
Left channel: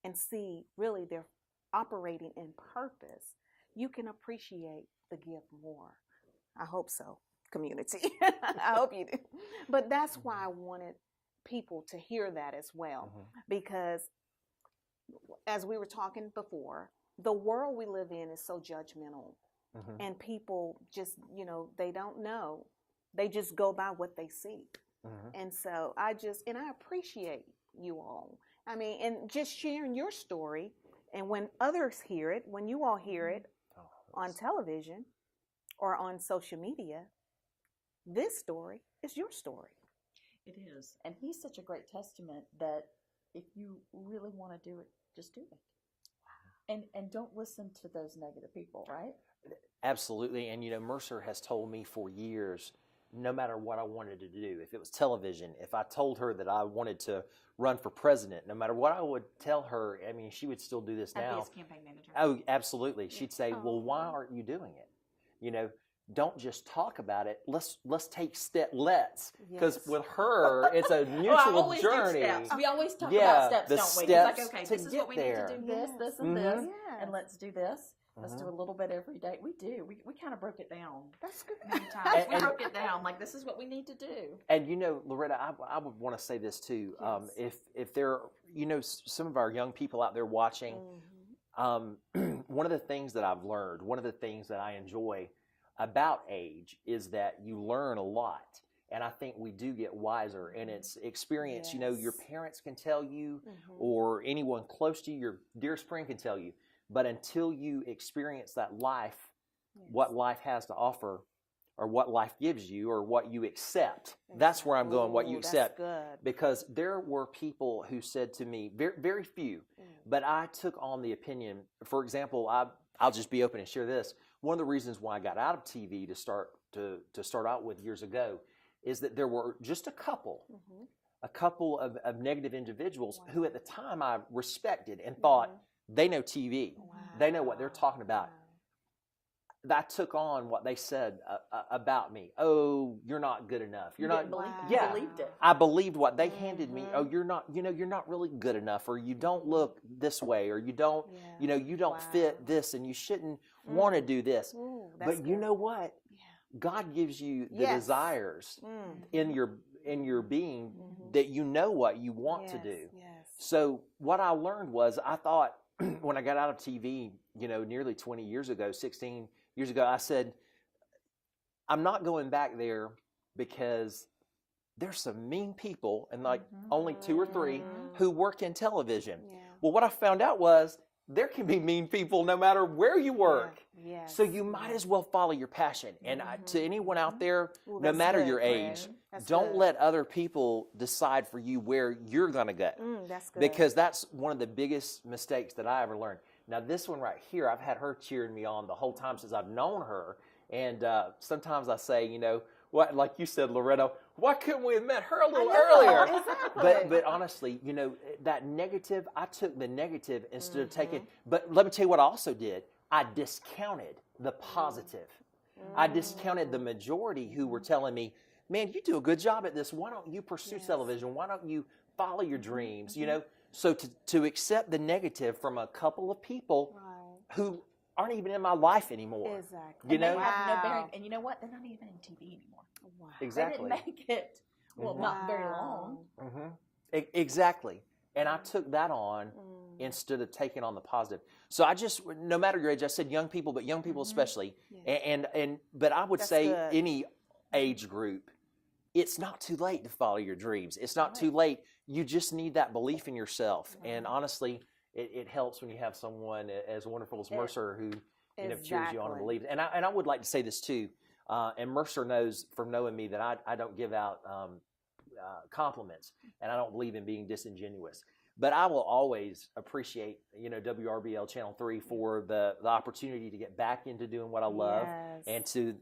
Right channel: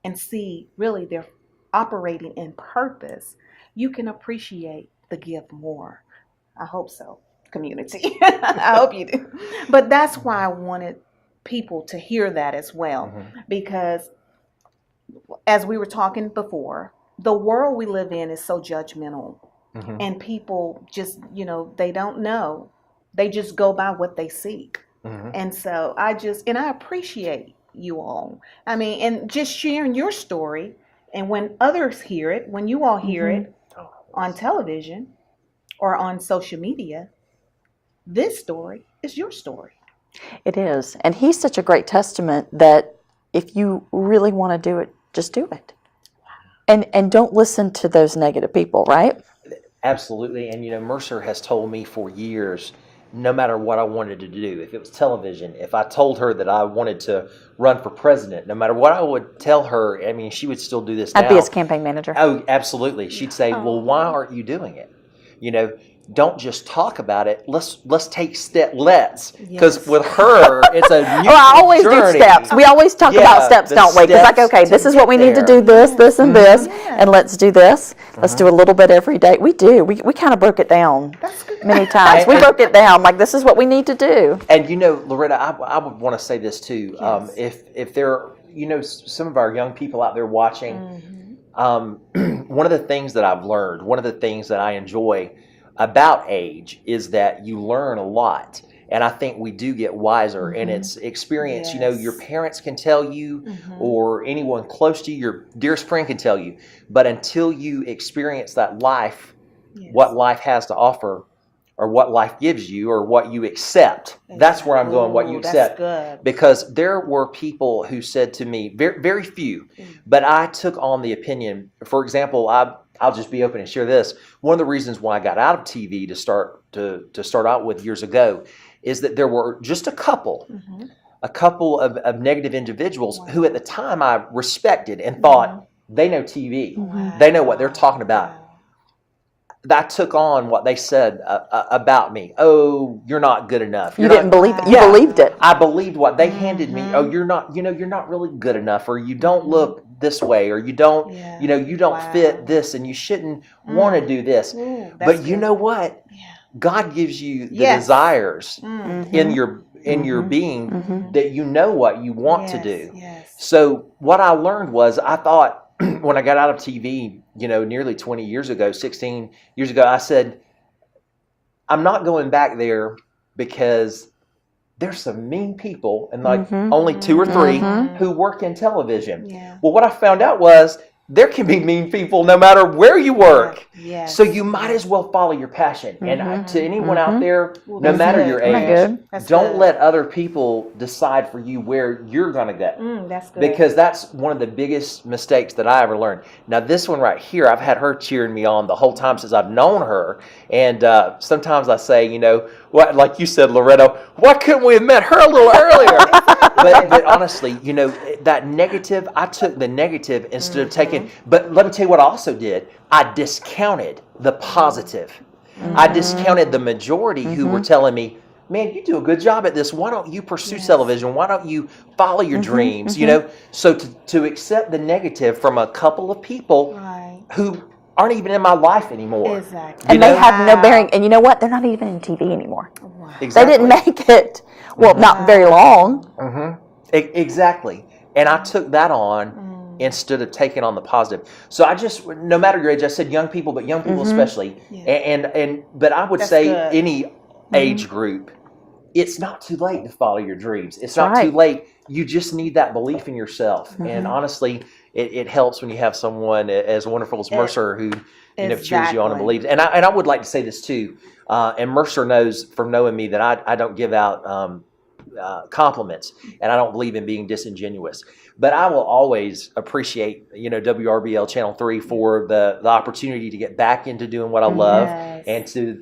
and see really they're operating in purpose, you can appreciate the gift more. I hope so, community. I hope you do. But that's why I wanted people to hear that as well, because as we were talking before, the world we live in is so judgmental, and people just, they don't know. They just go by what they see. And so I appreciate you all. I mean, and just sharing your story. And when others hear it, when you all hear it on television or on social media, this story is your story. It is. And he's such a great testament that if you really want to do it, just do it. And don't listen to those negative people, right? Absolutely. And Mercer has told me for years, no matter what I wanted to do, if it was television, if I told her that I wanted to run for president, no matter what I would tell her, I mean, she would still do this now. I'd be his campaign manager. Oh, absolutely. She'd say, well, why aren't you doing it? don't just talk about it. Let's take steps. Because Yes. with her, it's a new Well, I always journey. do steps. We always talk Yeah, about steps, the don't we? Because like, steps okay, to this is what we get need to there. do, this, and this, Yeah. and let's do this. Let's do a little bit every day. We do. We kind of broke it down That's good. many times. We broke it down like this is what we need to do. And Loretta, I would want to say this too. Yes. If there, some of our young people out there watching, one of the things that I've learned, one of the things that I enjoy about age is that you learn a lot. And I think we do get wiser, and it's experience. Yes. Your parents can tell you, or anyone close to you, your dearest friend can tell you. But until you experience that life, what life has to offer, or what life gives you, or what you accept, that's where I'm going, what you accept. That's good. Because there were people who said to me, very, very few, but I took on the opinion. For example, I'll just be open and share this. One of the reasons why I got out of TV to start out with years ago is that there were just a couple of negative individuals who at the time I respected and thought they know TV. They know what they're talking about. I took on what they said about me. Oh, you're not good enough. You didn't believe it. You Yeah. believed it. I believed what they handed me. Oh, you're not really good enough, or you don't look this way, or you don't, you don't fit this, and you shouldn't want to do this. But you know what? God gives you the desires in your being that you know what you want to do. So what I learned was, I thought when I got out of TV, nearly 20 years ago, 16 years ago, I said, I'm not going back there because there's some mean people, and only 2 or 3 who work in television. Well, what I found out was there can be mean people no matter where you work. So you might as well follow your passion. And to anyone out there, no matter your age, don't let other people decide for you where you're going to go. That's good. Because that's one of the biggest mistakes that I ever learned. Now, this one right here, I've had her cheering me on the whole time since I've known her. And sometimes I say, what, like you said, Loretta, why couldn't we have met her a little earlier? but honestly, that negative, I took the negative instead of taking, but let me tell you what I also did. I discounted the positive. I discounted the majority who were telling me, man, you do a good job at this. Why don't you pursue television? Why don't you follow your dreams? So to accept the negative from a couple of people who aren't even in my life anymore. Exactly. And they have no bearing. And you know what? They're not even in TV anymore. Exactly. They didn't make it, not very long. Exactly. And I took that on instead of taking on the positive. So I just, no matter your age, I said young people, but young people especially. But I would say any age group, it's not too late to follow your dreams. It's not too late. You just need that belief in yourself. And honestly, it helps when you have someone as wonderful as Mercer who cheers you on and believes. And I would like to say this too. And Mercer knows from knowing me that I don't give out compliments, and I don't believe in being disingenuous. But I will always appreciate, WRBL Channel 3 for the opportunity to get back into doing what I love, and to,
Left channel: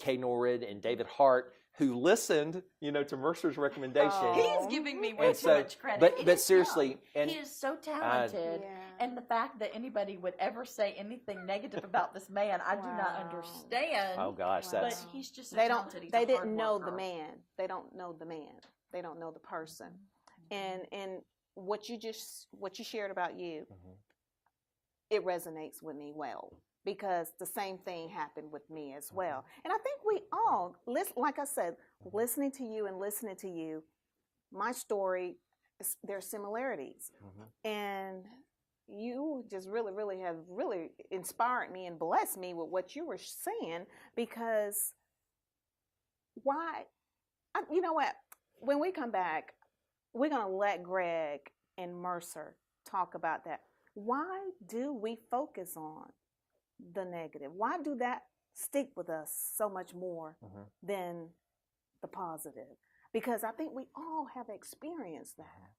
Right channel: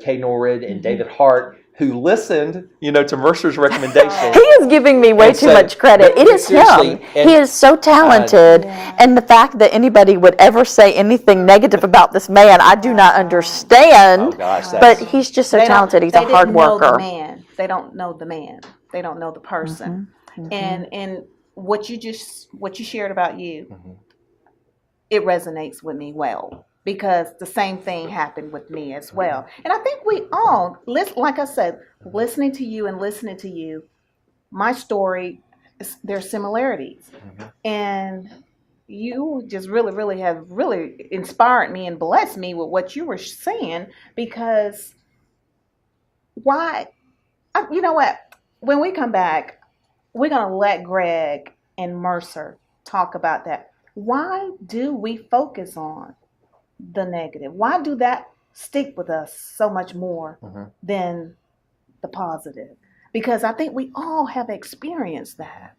Kay Norrid and David Hart, who listened, to Mercer's recommendation. He is giving me way too much credit. It is him. He is so talented. And the fact that anybody would ever say anything negative about this man, I do not understand. Oh, gosh, but he's just so talented. He's a hard worker. They don't know the man. They don't know the person. And what you shared about you, it resonates with me well. Because the same thing happened with me as well. And I think we all, like I said, listening to you, my story, there's similarities. And you just really have inspired me and blessed me with what you were saying, because you know what? When we come back, we're going to let Greg and Mercer talk about that. Why do we focus on the negative? Why do that stick with us so much more than the positive? Because I think we all have experienced that,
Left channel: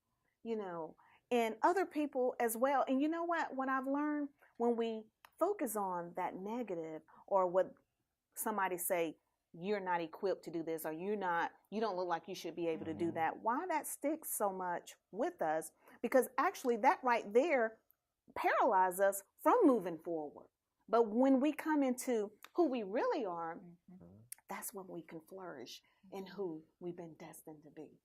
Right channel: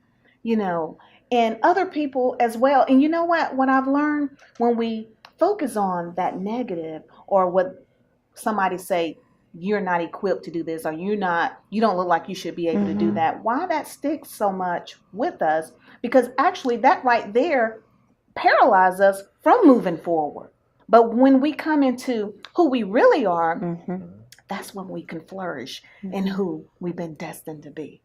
and other people as well. And you know what I've learned, when we focus on that negative, or what somebody say, you're not equipped to do this, or you don't look like you should be able to do that. Why that sticks so much with us? Because actually that right there paralyzes us from moving forward. But when we come into who we really are, Mm-hmm. that's when we can flourish in who we've been destined to be.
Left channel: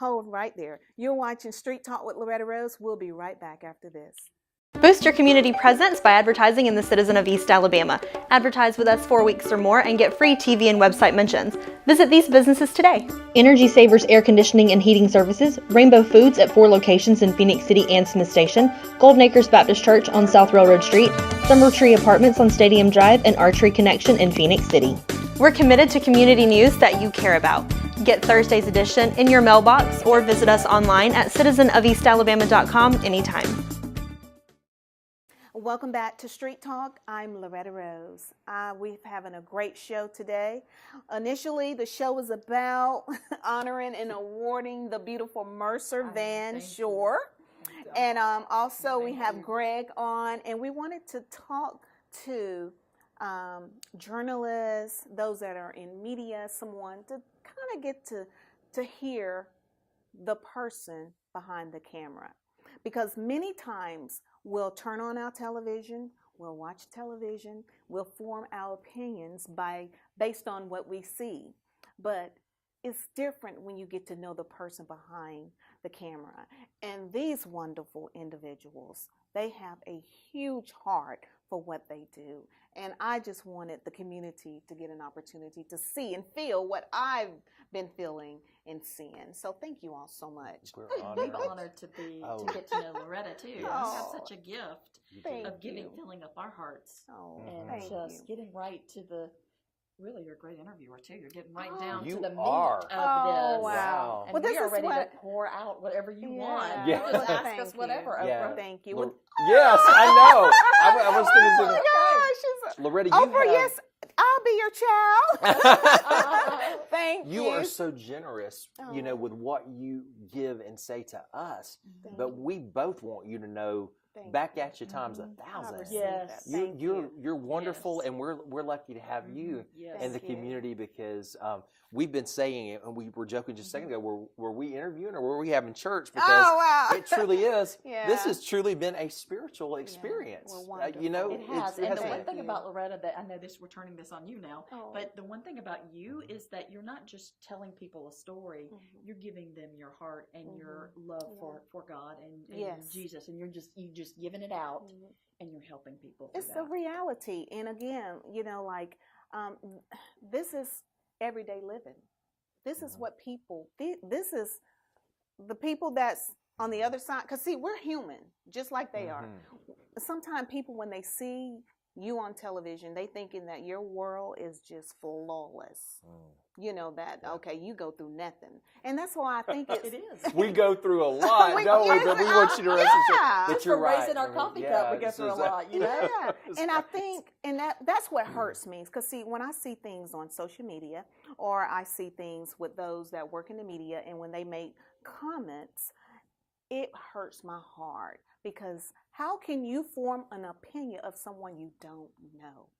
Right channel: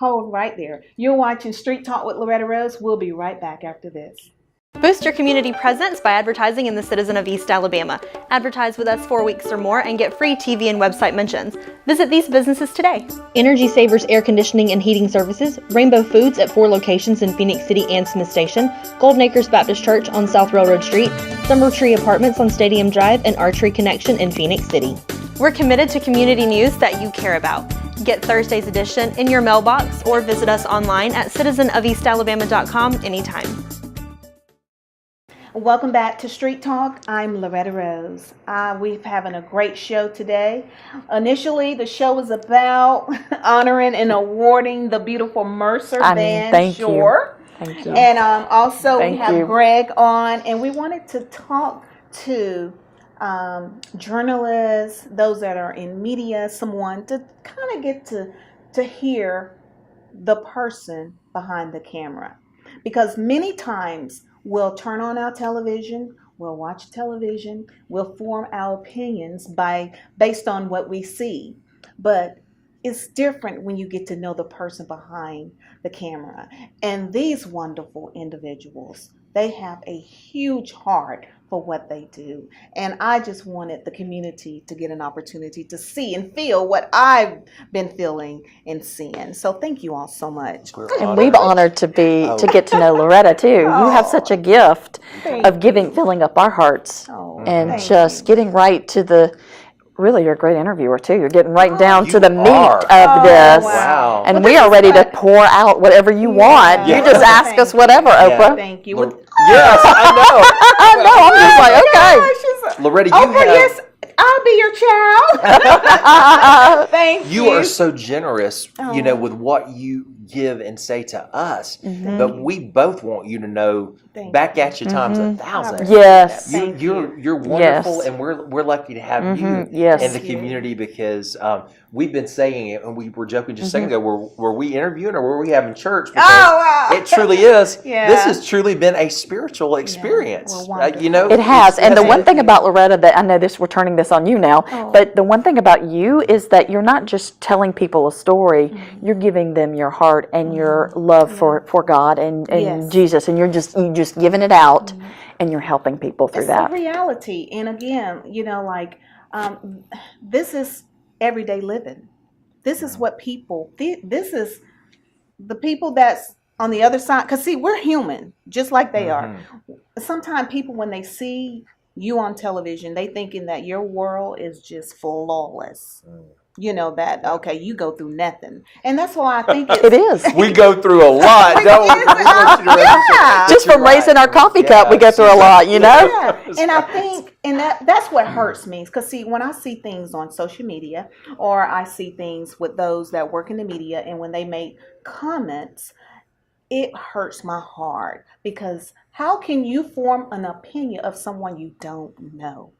Hold right there. You're watching Street Talk with Loretta Rose. We'll be right back after this. Boost your community presence by advertising in the Citizen of East Alabama. Advertise with us 4 weeks or more and get free TV and website mentions. Visit these businesses today. Energy Savers Air Conditioning and Heating Services, Rainbow Foods at 4 locations in Phoenix City and Smith Station, Golden Acres Baptist Church on South Railroad Street, Summer Tree Apartments on Stadium Drive, and Archery Connection in Phoenix City. We're committed to community news that you care about. Get Thursday's edition in your mailbox or visit us online at citizenofeastalabama.com anytime. Welcome back to Street Talk. I'm Loretta Rose. We're having a great show today. Initially, the show was about honoring and awarding the beautiful Mercer Van Schoor. Thank you. And also Thank we have you. Greg on, and we wanted to talk to journalists, those that are in media, someone to kind of get to hear the person behind the camera. Because many times we'll turn on our television, we'll watch television, we'll form our opinions based on what we see. But it's different when you get to know the person behind the camera. And these wonderful individuals, they have a huge heart for what they do. And I just wanted the community to get an opportunity to see and feel what I've been feeling and seeing. So thank you all so much. And we've honored to get to know Loretta too. You have such a gift of filling up our hearts, and thank just you. getting right to the. Really, you're a great interviewer too. You're getting right down to You the meat are. of this, Wow. and Well, we this are is ready to what- pour out whatever you want. Yeah. You just ask Thank us you. whatever, Oprah. Thank you. Yes, I know. I know. I'm just like, okay. Gosh, Loretta, you Oprah, have, yes, I'll be your child. Thank you. you are so generous, you know, Oh. with what you give and say to us. Mm-hmm. But we both want you to know Thank back you. at you times 1,000. Yes. Thank You're wonderful, Yes. and we're lucky to have you Yes. in the Thank you. community because we've been saying it, and we were joking just a second ago. Were we interviewing or were we having church? Because wow. it truly is. Yeah. This has truly been a spiritual experience. Well, wonderful. You know, It has. And the it's- one thing about Loretta that I know we're turning this on you now, Oh. but the one thing about you is that you're not just telling people a story, you're giving them your heart and your love for God and Yes. Jesus, and you're just giving it out and you're helping people through It's that. the reality. And again, you know, like this is everyday living. This is what people, this is the people that's on the other side. Because, see, we're human, just like they are. Sometimes people, when they see you on television, they thinking that your world is just flawless. You know, that, okay, you go through nothing. And that's why I think It is. We go through a lot, don't we? We want you to Yeah. Just from raising our coffee cup, we go through a lot, you know? Yeah, and I think, and that's what hurts me. Because, see, when I see things on social media, or I see things with those that work in the media, and when they make comments, it hurts my heart. Because how can you form an opinion of someone you don't know?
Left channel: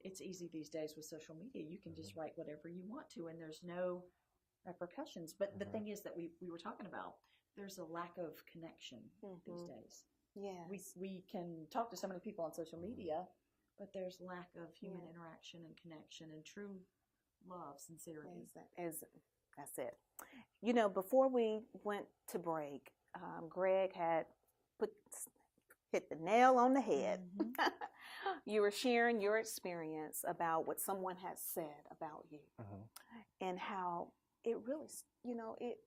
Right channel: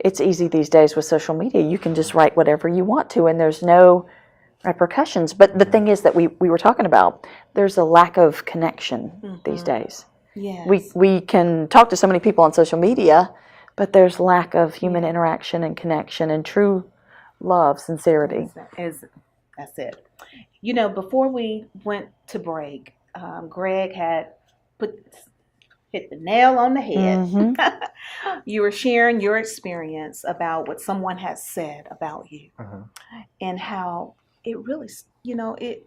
It's easy these days with social media. You can just write whatever you want to, and there's no repercussions. But the thing is that we were talking about, there's a lack of connection these days. Yes. We can talk to so many people on social media, but there's lack of human interaction and connection and true love, sincerity. That's it. You know, before we went to break, Greg had hit the nail on the head. You were sharing your experience about what someone has said about you and how it really, you know, it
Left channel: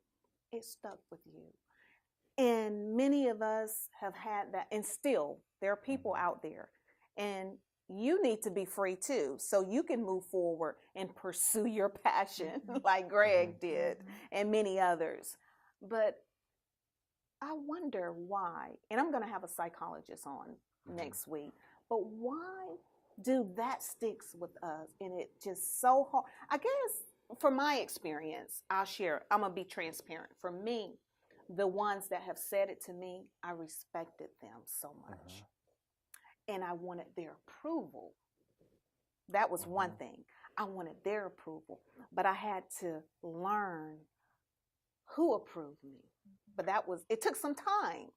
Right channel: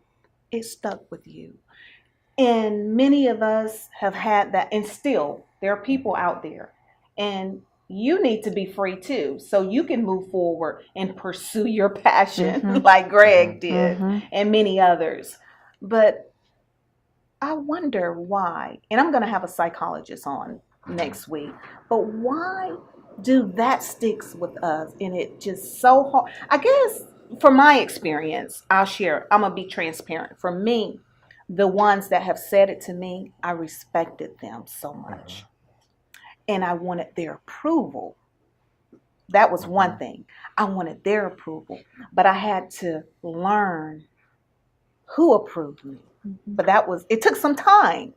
stuck with you. And many of us have had that, and still there are people out there, and you need to be free too, so you can move forward and pursue your passion like Greg did and many others. But I wonder why, and I'm going to have a psychologist on next week, but why do that sticks with us, and it just so hard? I guess from my experience, I'll share, I'm going to be transparent. For me, the ones that have said it to me, I respected them so much. And I wanted their approval. That was one thing. I wanted their approval. But I had to learn who approved me. But it took some time.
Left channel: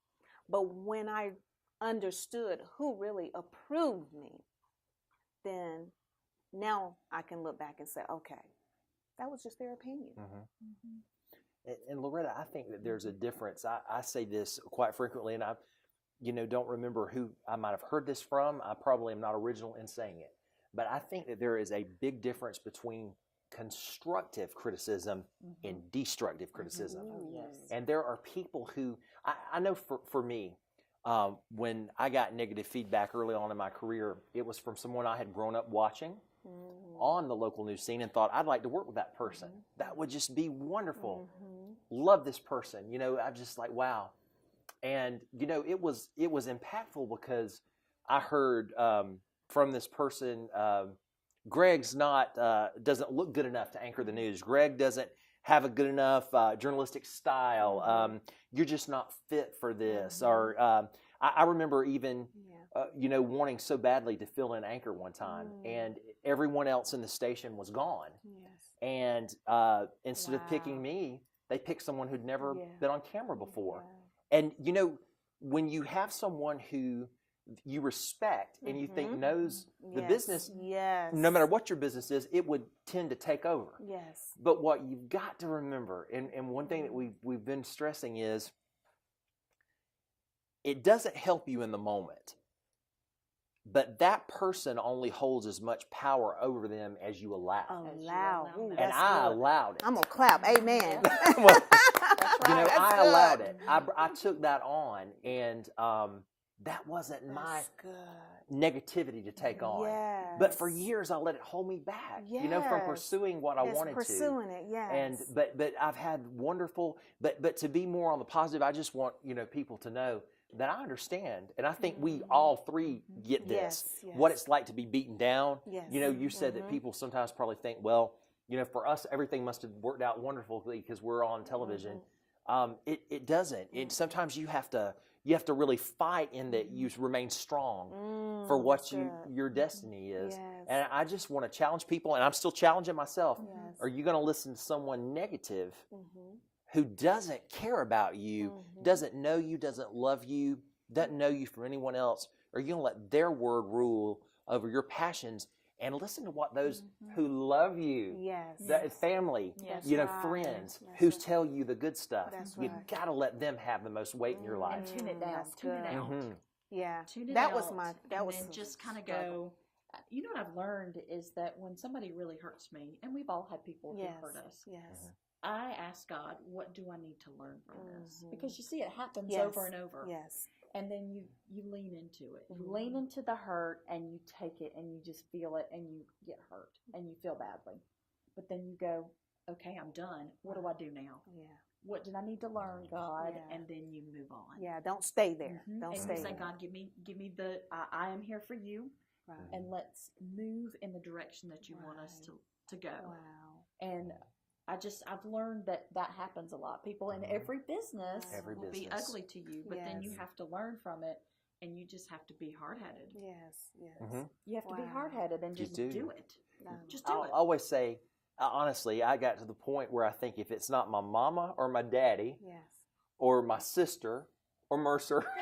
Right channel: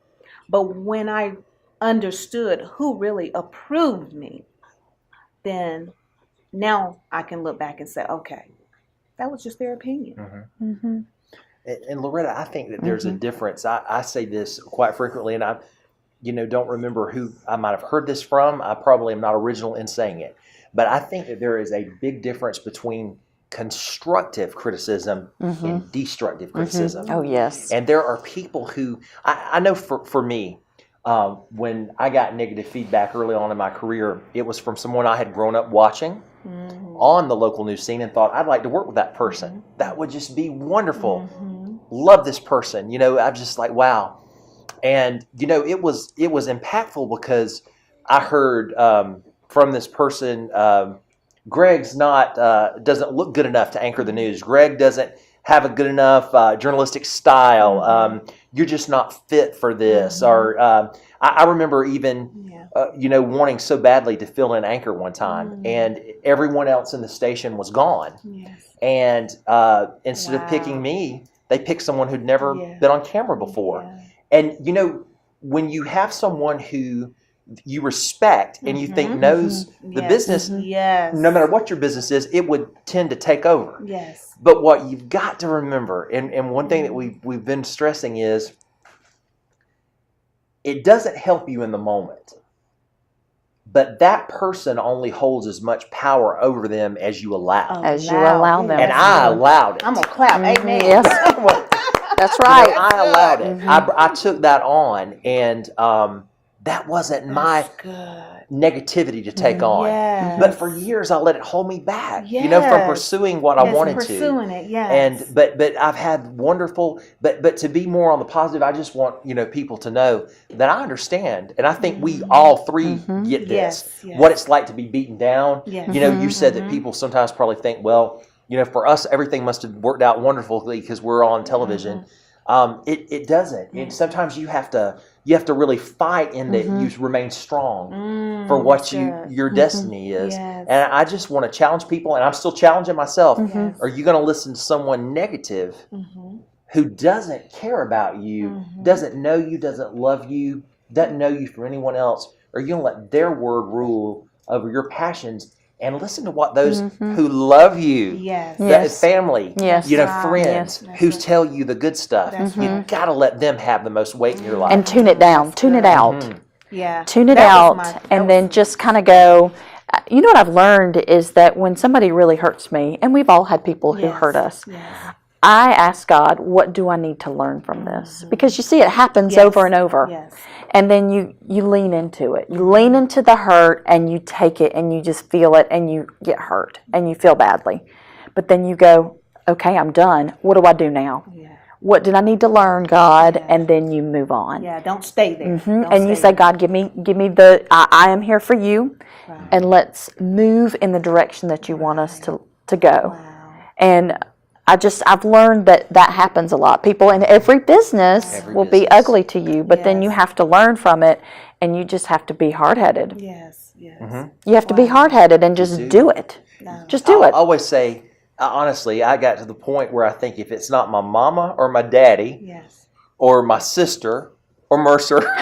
But when I understood who really approved me, then now I can look back and say, okay, that was just their opinion. Mm-hmm. And Loretta, I think that there's a difference. I say this quite frequently, and I, don't remember who I might have heard this from. I probably am not original in saying it, but I think that there is a big difference between constructive criticism and destructive criticism. Oh, yes. And there are people who, I know for me, when I got negative feedback early on in my career, it was from someone I had grown up watching on the local news scene and thought, I'd like to work with that person. That would just be wonderful. Love this person. I'm just like, wow. And, it was impactful because I heard from this person, Greg's doesn't look good enough to anchor the news. Greg doesn't have a good enough journalistic style. You're just not fit for this. Or I remember even, wanting so badly to fill in anchor one time, and everyone else in the station was gone. And instead of picking me, they picked someone who'd never been on camera before. And, when you have someone who you respect and you think knows the business, no matter what your business is, it would tend to take over. But what you've got to remember, and one thing that we've been stressing is, it doesn't help you in the moment. But that person only holds as much power over them as you allow. As you allow them. And I allowed it. I'm going to clap. Amen. Yes. That's right. I allowed it. I took that on, and that wasn't my negativity to take on. But for years, I let it hold me back, from pursuing what I wanted pursuing to. It, yes. And but I've had wonderful, but to be more on the positive, I just want people to know that I understand, and I think we all three get this. What it's like to be beaten down. You said that people sometimes probably think, well, for us, everything must have worked out wonderfully because we're on television. It doesn't. And sometimes you have to really fight in that you remain strong for what your destiny is. And I just want to challenge people, and I'm still challenging myself. Are you going to listen to someone negative who doesn't care about you, doesn't know you, doesn't love you, doesn't know you from anyone else? Or are you going to let their word rule over your passions? And listen to what those who love you, family, friends, who tell you the good stuff. You've got to let them have the most weight in your life. And tune it down. Tune it out. Tune it That out. was And then just kind of go. You know what I've learned is that when somebody really hurts me, and we've all had people who hurt us, I ask God, what do I need to learn from this? Because you see, it happens over and over. And then you lean into it. You lean into the hurt, and you take it, and you just feel it, and you get hurt, and you feel badly. But then you go, okay, I'm done. What do I do now? What did I need to learn, God? And then you move on. Don't stay there. And you say, God, give me the, I am here for you, and let's move in the direction that you want us to go. And I've learned that happens a lot. People in every business will be ugly to you, but then you have to learn from it, and you just have to be hard-headed. You have to be hard-headed and just do it. Just do it. I always say, honestly, I got to the point where I think if it's not my mama or my daddy or my sister or Mercer saying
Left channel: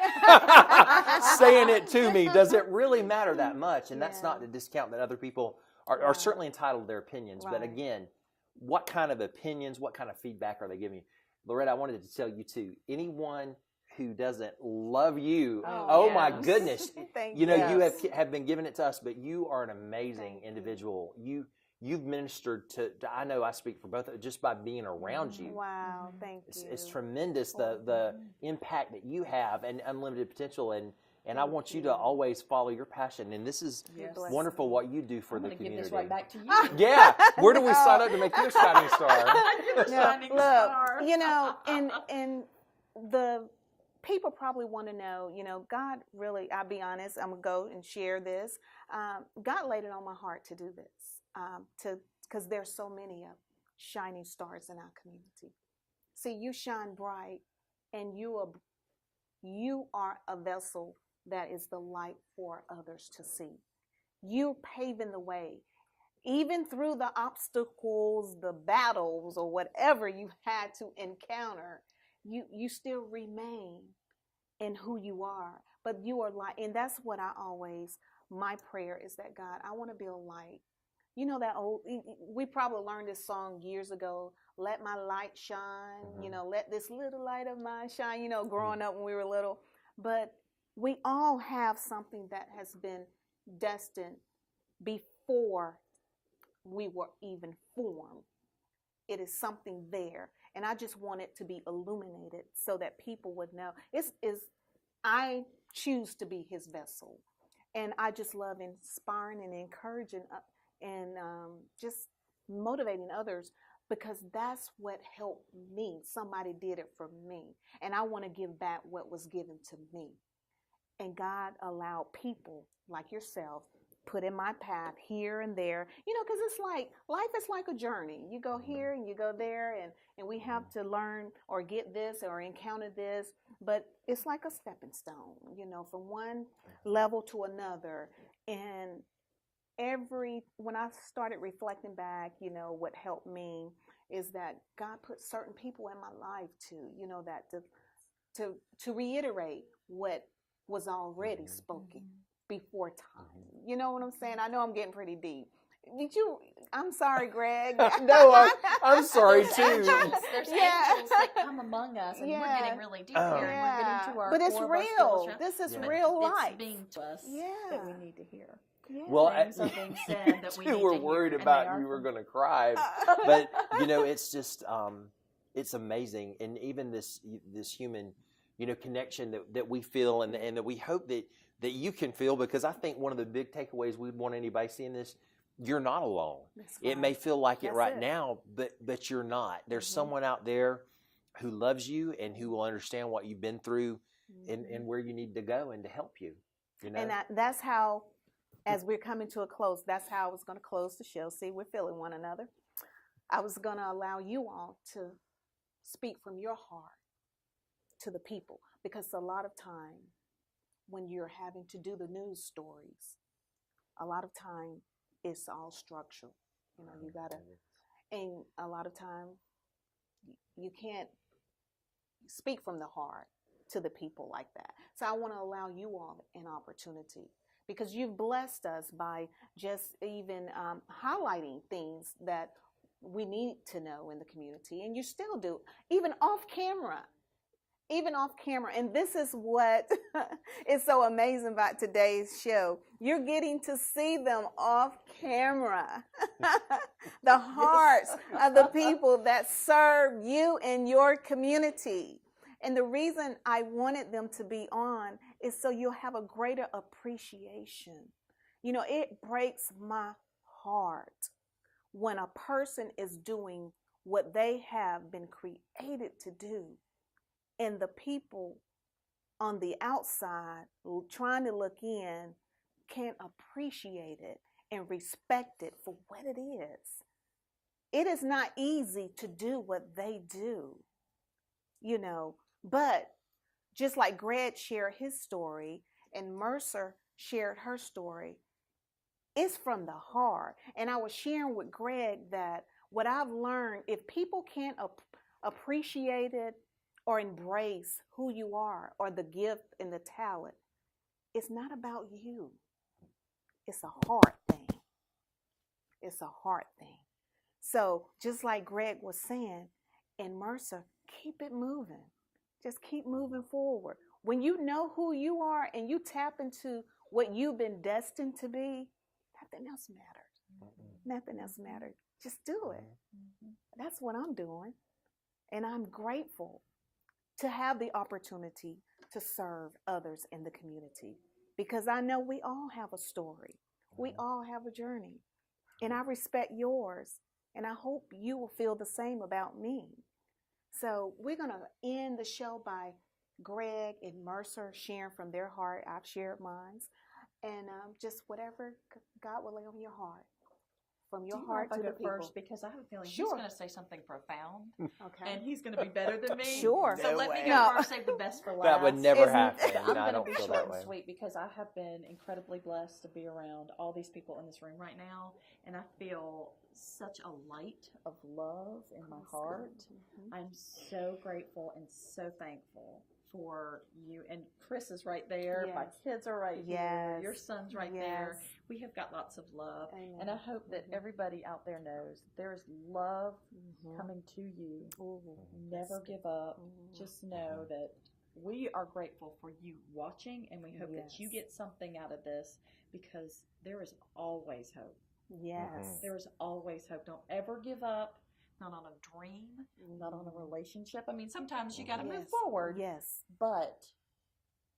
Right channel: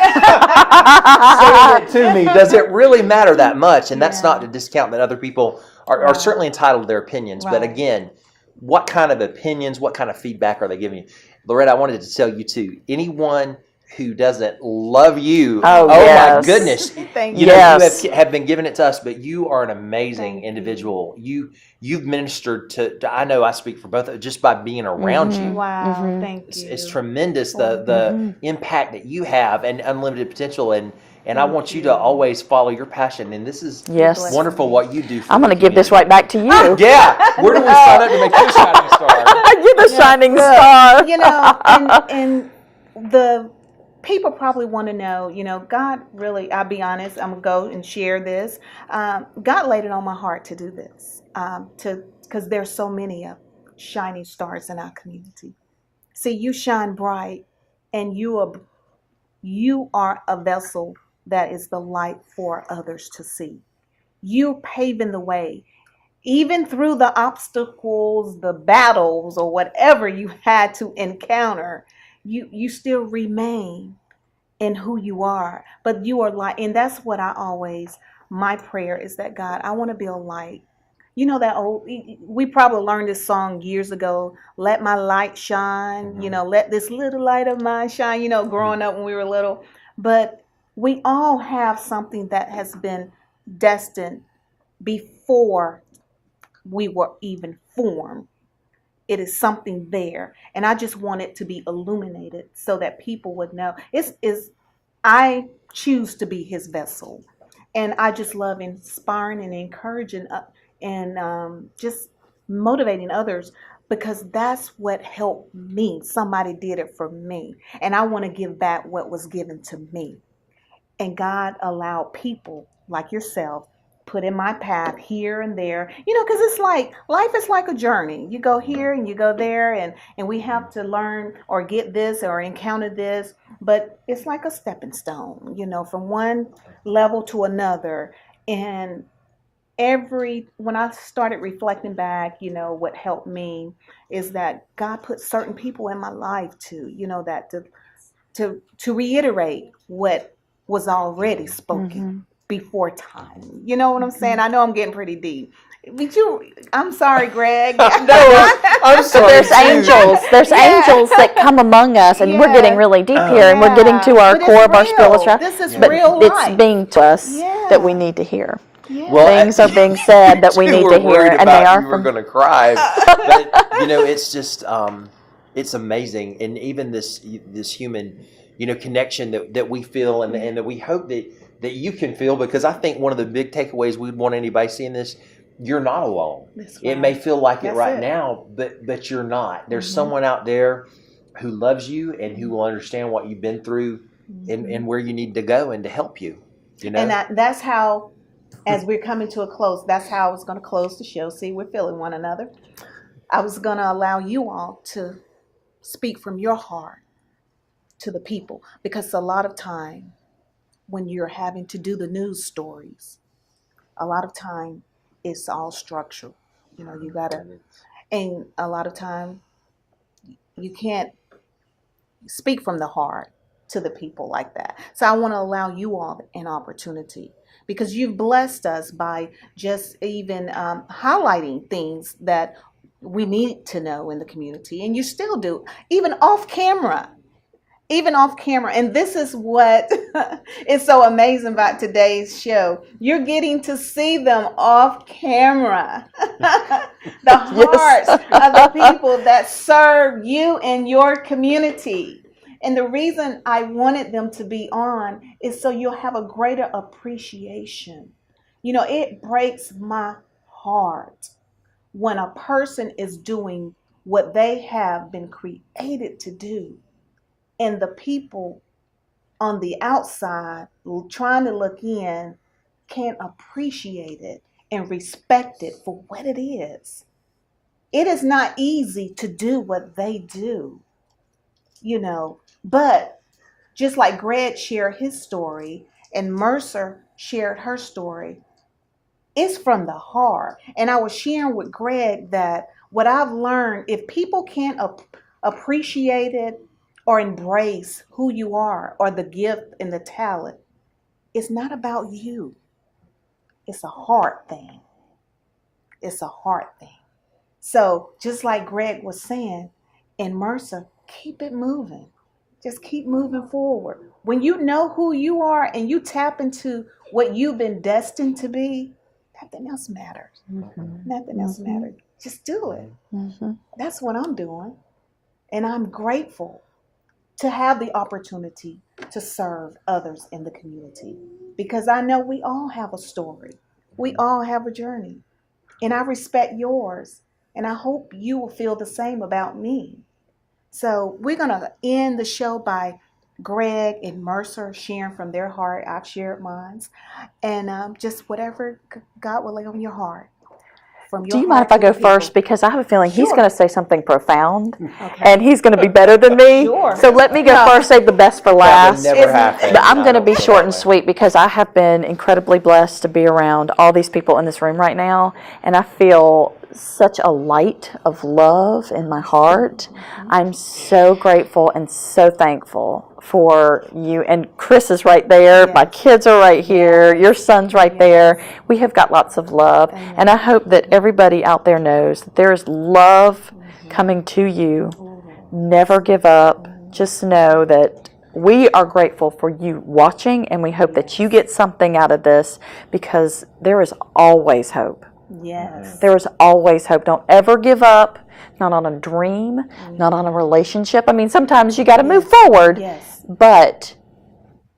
it to me, does it really matter that much? And that's not to discount that other people are certainly entitled to their opinions. But again, what kind of opinions, what kind of feedback are they giving you? Loretta, I wanted to tell you too, anyone who doesn't love you, my goodness, you have been giving it to us, but you are an amazing individual. You've ministered to, I know I speak for both, just by being around you. Wow, thank you. It's tremendous, the impact that you have and unlimited potential, and I want you to always follow your passion. And this is wonderful what you do for I'm going to give this right back to you. Where do we sign up to make you a shining star? You're the shining star. And the people probably want to know, God really, I'll be honest, I'm going to go and share this. God laid it on my heart to do this, because there's so many shining stars in our community. See, you shine bright, and you are a vessel that is the light for others to see. You paving the way, even through the obstacles, the battles, or whatever you had to encounter. You still remain in who you are, but you are light. And that's what my prayer is that, God, I want to be a light. You know, that old, we probably learned this song years ago, let my light shine, let this little light of mine shine, growing up when we were little. But we all have something that has been destined before we were even formed. It is something there, and I just want it to be illuminated so that people would know. I choose to be his vessel, and I just love inspiring and encouraging and just motivating others, because that's what helped me. Somebody did it for me, and I want to give back what was given to me. And God allowed people like yourself put in my path here and there, because it's like life is like a journey. You go here and you go there, and we have to learn or get this or encounter this, but it's like a stepping stone, from one level to another. And when I started reflecting back, what helped me is that God put certain people in my life that to reiterate what was already spoken before time. You know what I'm saying? I know I'm getting pretty deep. I'm sorry, Greg. No, I'm sorry. There's angels. There's angels that come among us, and we're getting really deep here, and we're getting to our core of our spiritual. This is but real life. It's being to us that we need to hear. Yeah. Well, Things are being said that we need to hear, and they are you were going to cry. But it's just it's amazing, and even this human connection that we feel, and that we hope that you can feel, because I think one of the big takeaways we'd want anybody seeing this, you're not alone. That's It right. may feel like it That's right it. now, but you're not. There's someone out there who loves you and who will understand what you've been through and where you need to go and to help you. And that's how, as we're coming to a close, that's how I was going to close the show. See, we're feeling one another. I was going to allow you all to speak from your heart to the people, because a lot of time when you're having to do the news stories, a lot of time it's all structural. You gotta, and a lot of time you can't speak from the heart to the people like that. So I want to allow you all an opportunity, because you've blessed us by just even highlighting things that we need to know in the community, and you still do, even off camera. And this is what is so amazing about today's show. You're getting to see them off camera. The hearts of the people that serve you and your community. And the reason I wanted them to be on is so you'll have a greater appreciation. It breaks my heart when a person is doing what they have been created to do, and the people on the outside trying to look in can't appreciate it and respect it for what it is. It is not easy to do what they do, but just like Greg shared his story and Mercer shared her story, it's from the heart. And I was sharing with Greg that what I've learned, if people can't appreciate it or embrace who you are or the gift and the talent, it's not about you. It's a heart thing. It's a heart thing. So just like Greg was saying, in Mercer, keep it moving. Just keep moving forward. When you know who you are and you tap into what you've been destined to be, nothing else matters. Nothing else matters. Just do it. That's what I'm doing. And I'm grateful to have the opportunity to serve others in the community, because I know we all have a story. We all have a journey. And I respect yours. And I hope you will feel the same about me. So we're going to end the show by Greg and Mercer sharing from their heart. I've shared mine. And just whatever God will lay on your heart. Do you mind if I go first? Because I have a feeling he's Sure. going to say something profound, Okay. and he's going to be better than me. Sure. So let me go first, save the best for That last. would never happen. But I'm I going to don't be feel short that and way. sweet, because I have been incredibly blessed to be around all these people in this room right now, and I feel such a light of love in my heart. I'm so grateful and so thankful for you. And Chris is right there. My kids are right here. Your son's right there. We have got lots of love. And I hope that everybody out there knows that there is love coming to you. Never give up. Just know that we are grateful for you watching, and we hope that you get something out of this, because there is always hope. Yes. There is always hope. Don't ever give up, not on a dream, not on a relationship. I mean, sometimes you got to move forward, but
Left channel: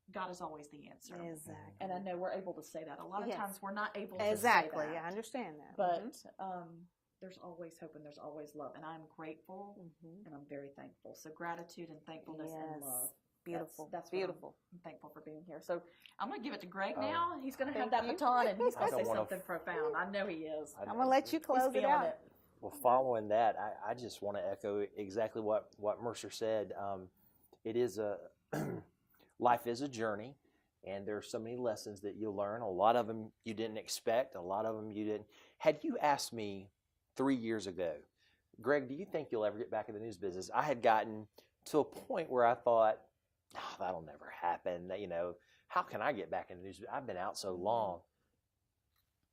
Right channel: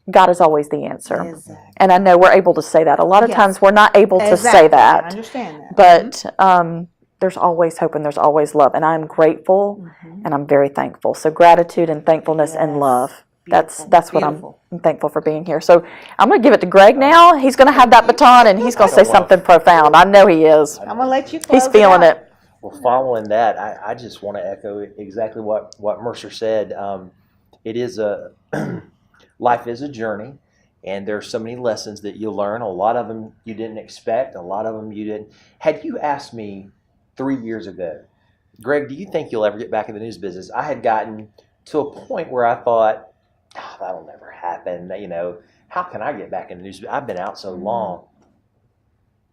God is always the answer. Exactly. And I know we're able to say that. A lot of times we're not able to say that. I understand that. But there's always hope and there's always love. And I'm grateful and I'm very thankful. So gratitude and thankfulness and love. That's what I'm thankful for being here. So I'm going to give it to Greg now. He's going to have that baton, and he's going to say something profound. I know he is. I'm going to let you close He's feeling it. Well, following that, I just want to echo exactly what Mercer said. It is life is a journey, and there's so many lessons that you'll learn. A lot of them you didn't expect. A lot of them you didn't. Had you asked me 3 years ago, Greg, do you think you'll ever get back in the news business? I had gotten to a point where I thought, that'll never happen. How can I get back in the news? I've been out so long.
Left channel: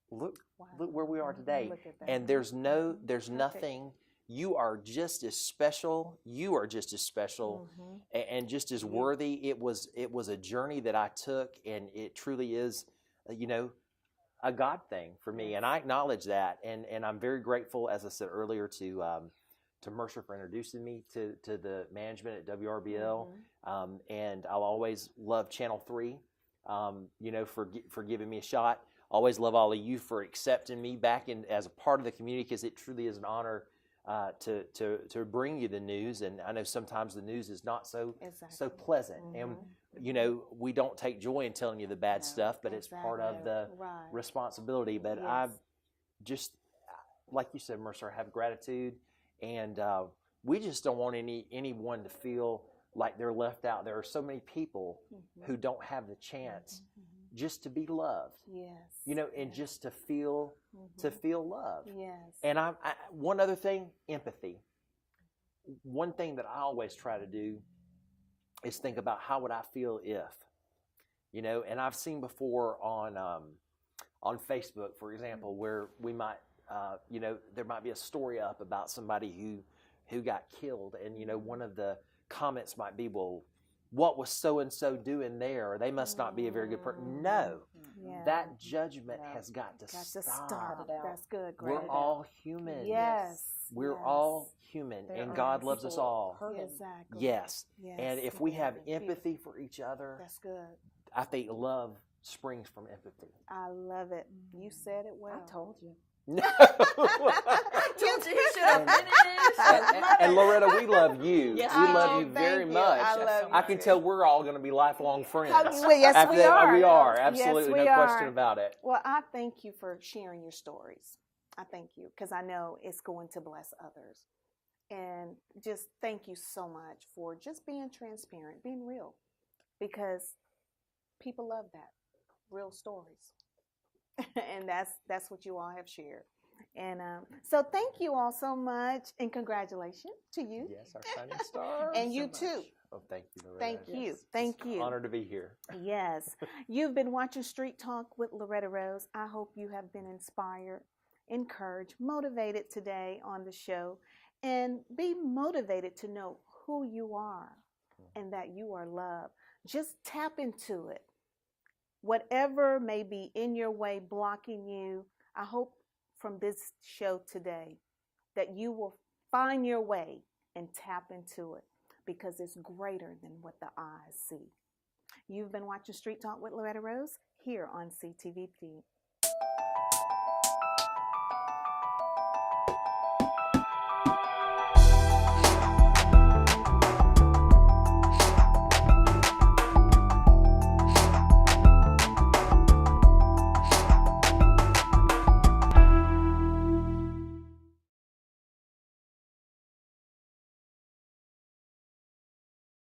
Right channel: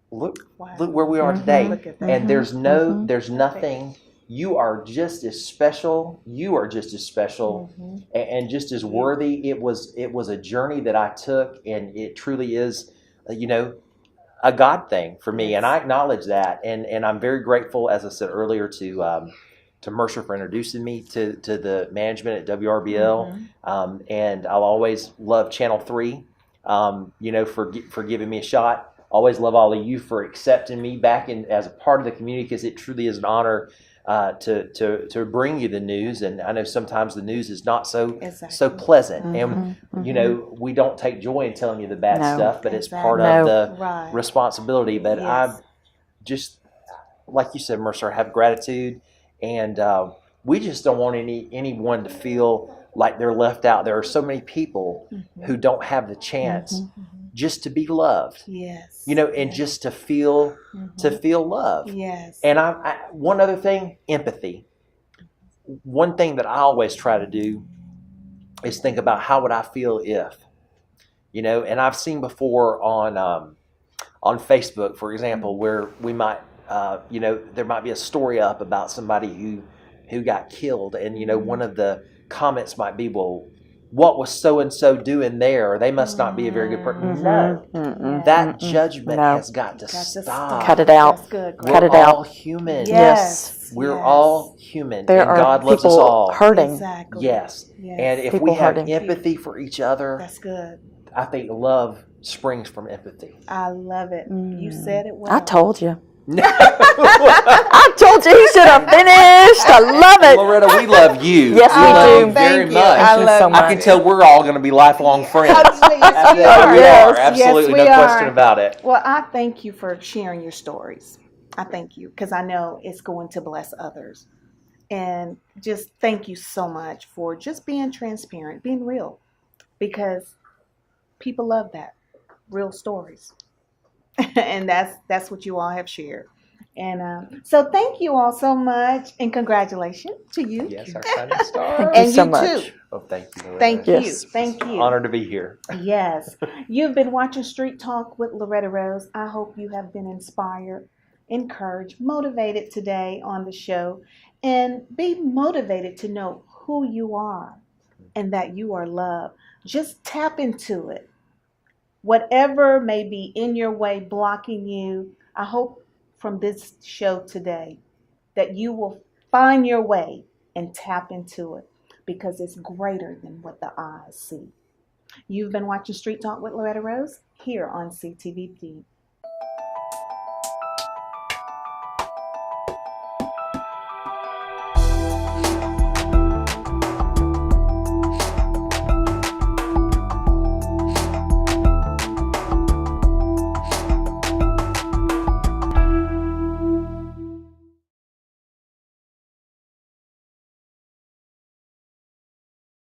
Look where we are today. And there's nothing. You are just as special. You are just as special and just as worthy. It was a journey that I took, and it truly is, a God thing for me. And I acknowledge that. And I'm very grateful, as I said earlier, to Mercer for introducing me to the management at WRBL. And I'll always love Channel 3, for giving me a shot. Always love all of you for accepting me back in as a part of the community, because it truly is an honor to bring you the news. And I know sometimes the news is not so pleasant. And, we don't take joy in telling you the bad stuff, but it's part of the responsibility. But I just, like you said, Mercer, have gratitude. And we just don't want anyone to feel like they're left out. There are so many people who don't have the chance just to be loved. Yes. And just to feel love. Yes. And I one other thing, empathy. One thing that I always try to do is think about how would I feel if, and I've seen before on Facebook, for example, where we might there might be a story up about somebody who got killed, and one of the comments might be, well, what was so and so doing there? They must not be a very good person. No, that judgment has got to stop. Cut it out. That's good. Cut it We're out. all human. Yes. We're all human, There and are God loves us people all. hurting. Exactly. Yes. Yes. And if People we have hurting. empathy for each other, That's good. I think love springs from empathy. I love it. You said it well. I told you. I told you he should have finished. I love it. Loretta, we love you. Yes, we we love do. you very Thank you. much. I love so you. much. I can tell we're all going to be lifelong friends. Yes, we We are. are. Absolutely. Yes, we No question are. about it. Well, I thank you for sharing your stories. I thank you, because I know it's going to bless others. And just thank you so much for just being transparent, being real, because people love that, real stories. And that's what you all have shared. And so thank you all so much, and congratulations to you. Yes, our shining star. Thank you And so you much. too. Oh, thank you, Loretta. Thank Yes. you. Thank you. Honored to be here. Yes. You've been watching Street Talk with Loretta Rose. I hope you have been inspired, encouraged, motivated today on the show, and be motivated to know who you are and that you are loved. Just tap into it. Whatever may be in your way blocking you, I hope from this show today that you will find your way and tap into it, because it's greater than what the eyes see. You've been watching Street Talk with Loretta Rose here on CTVP.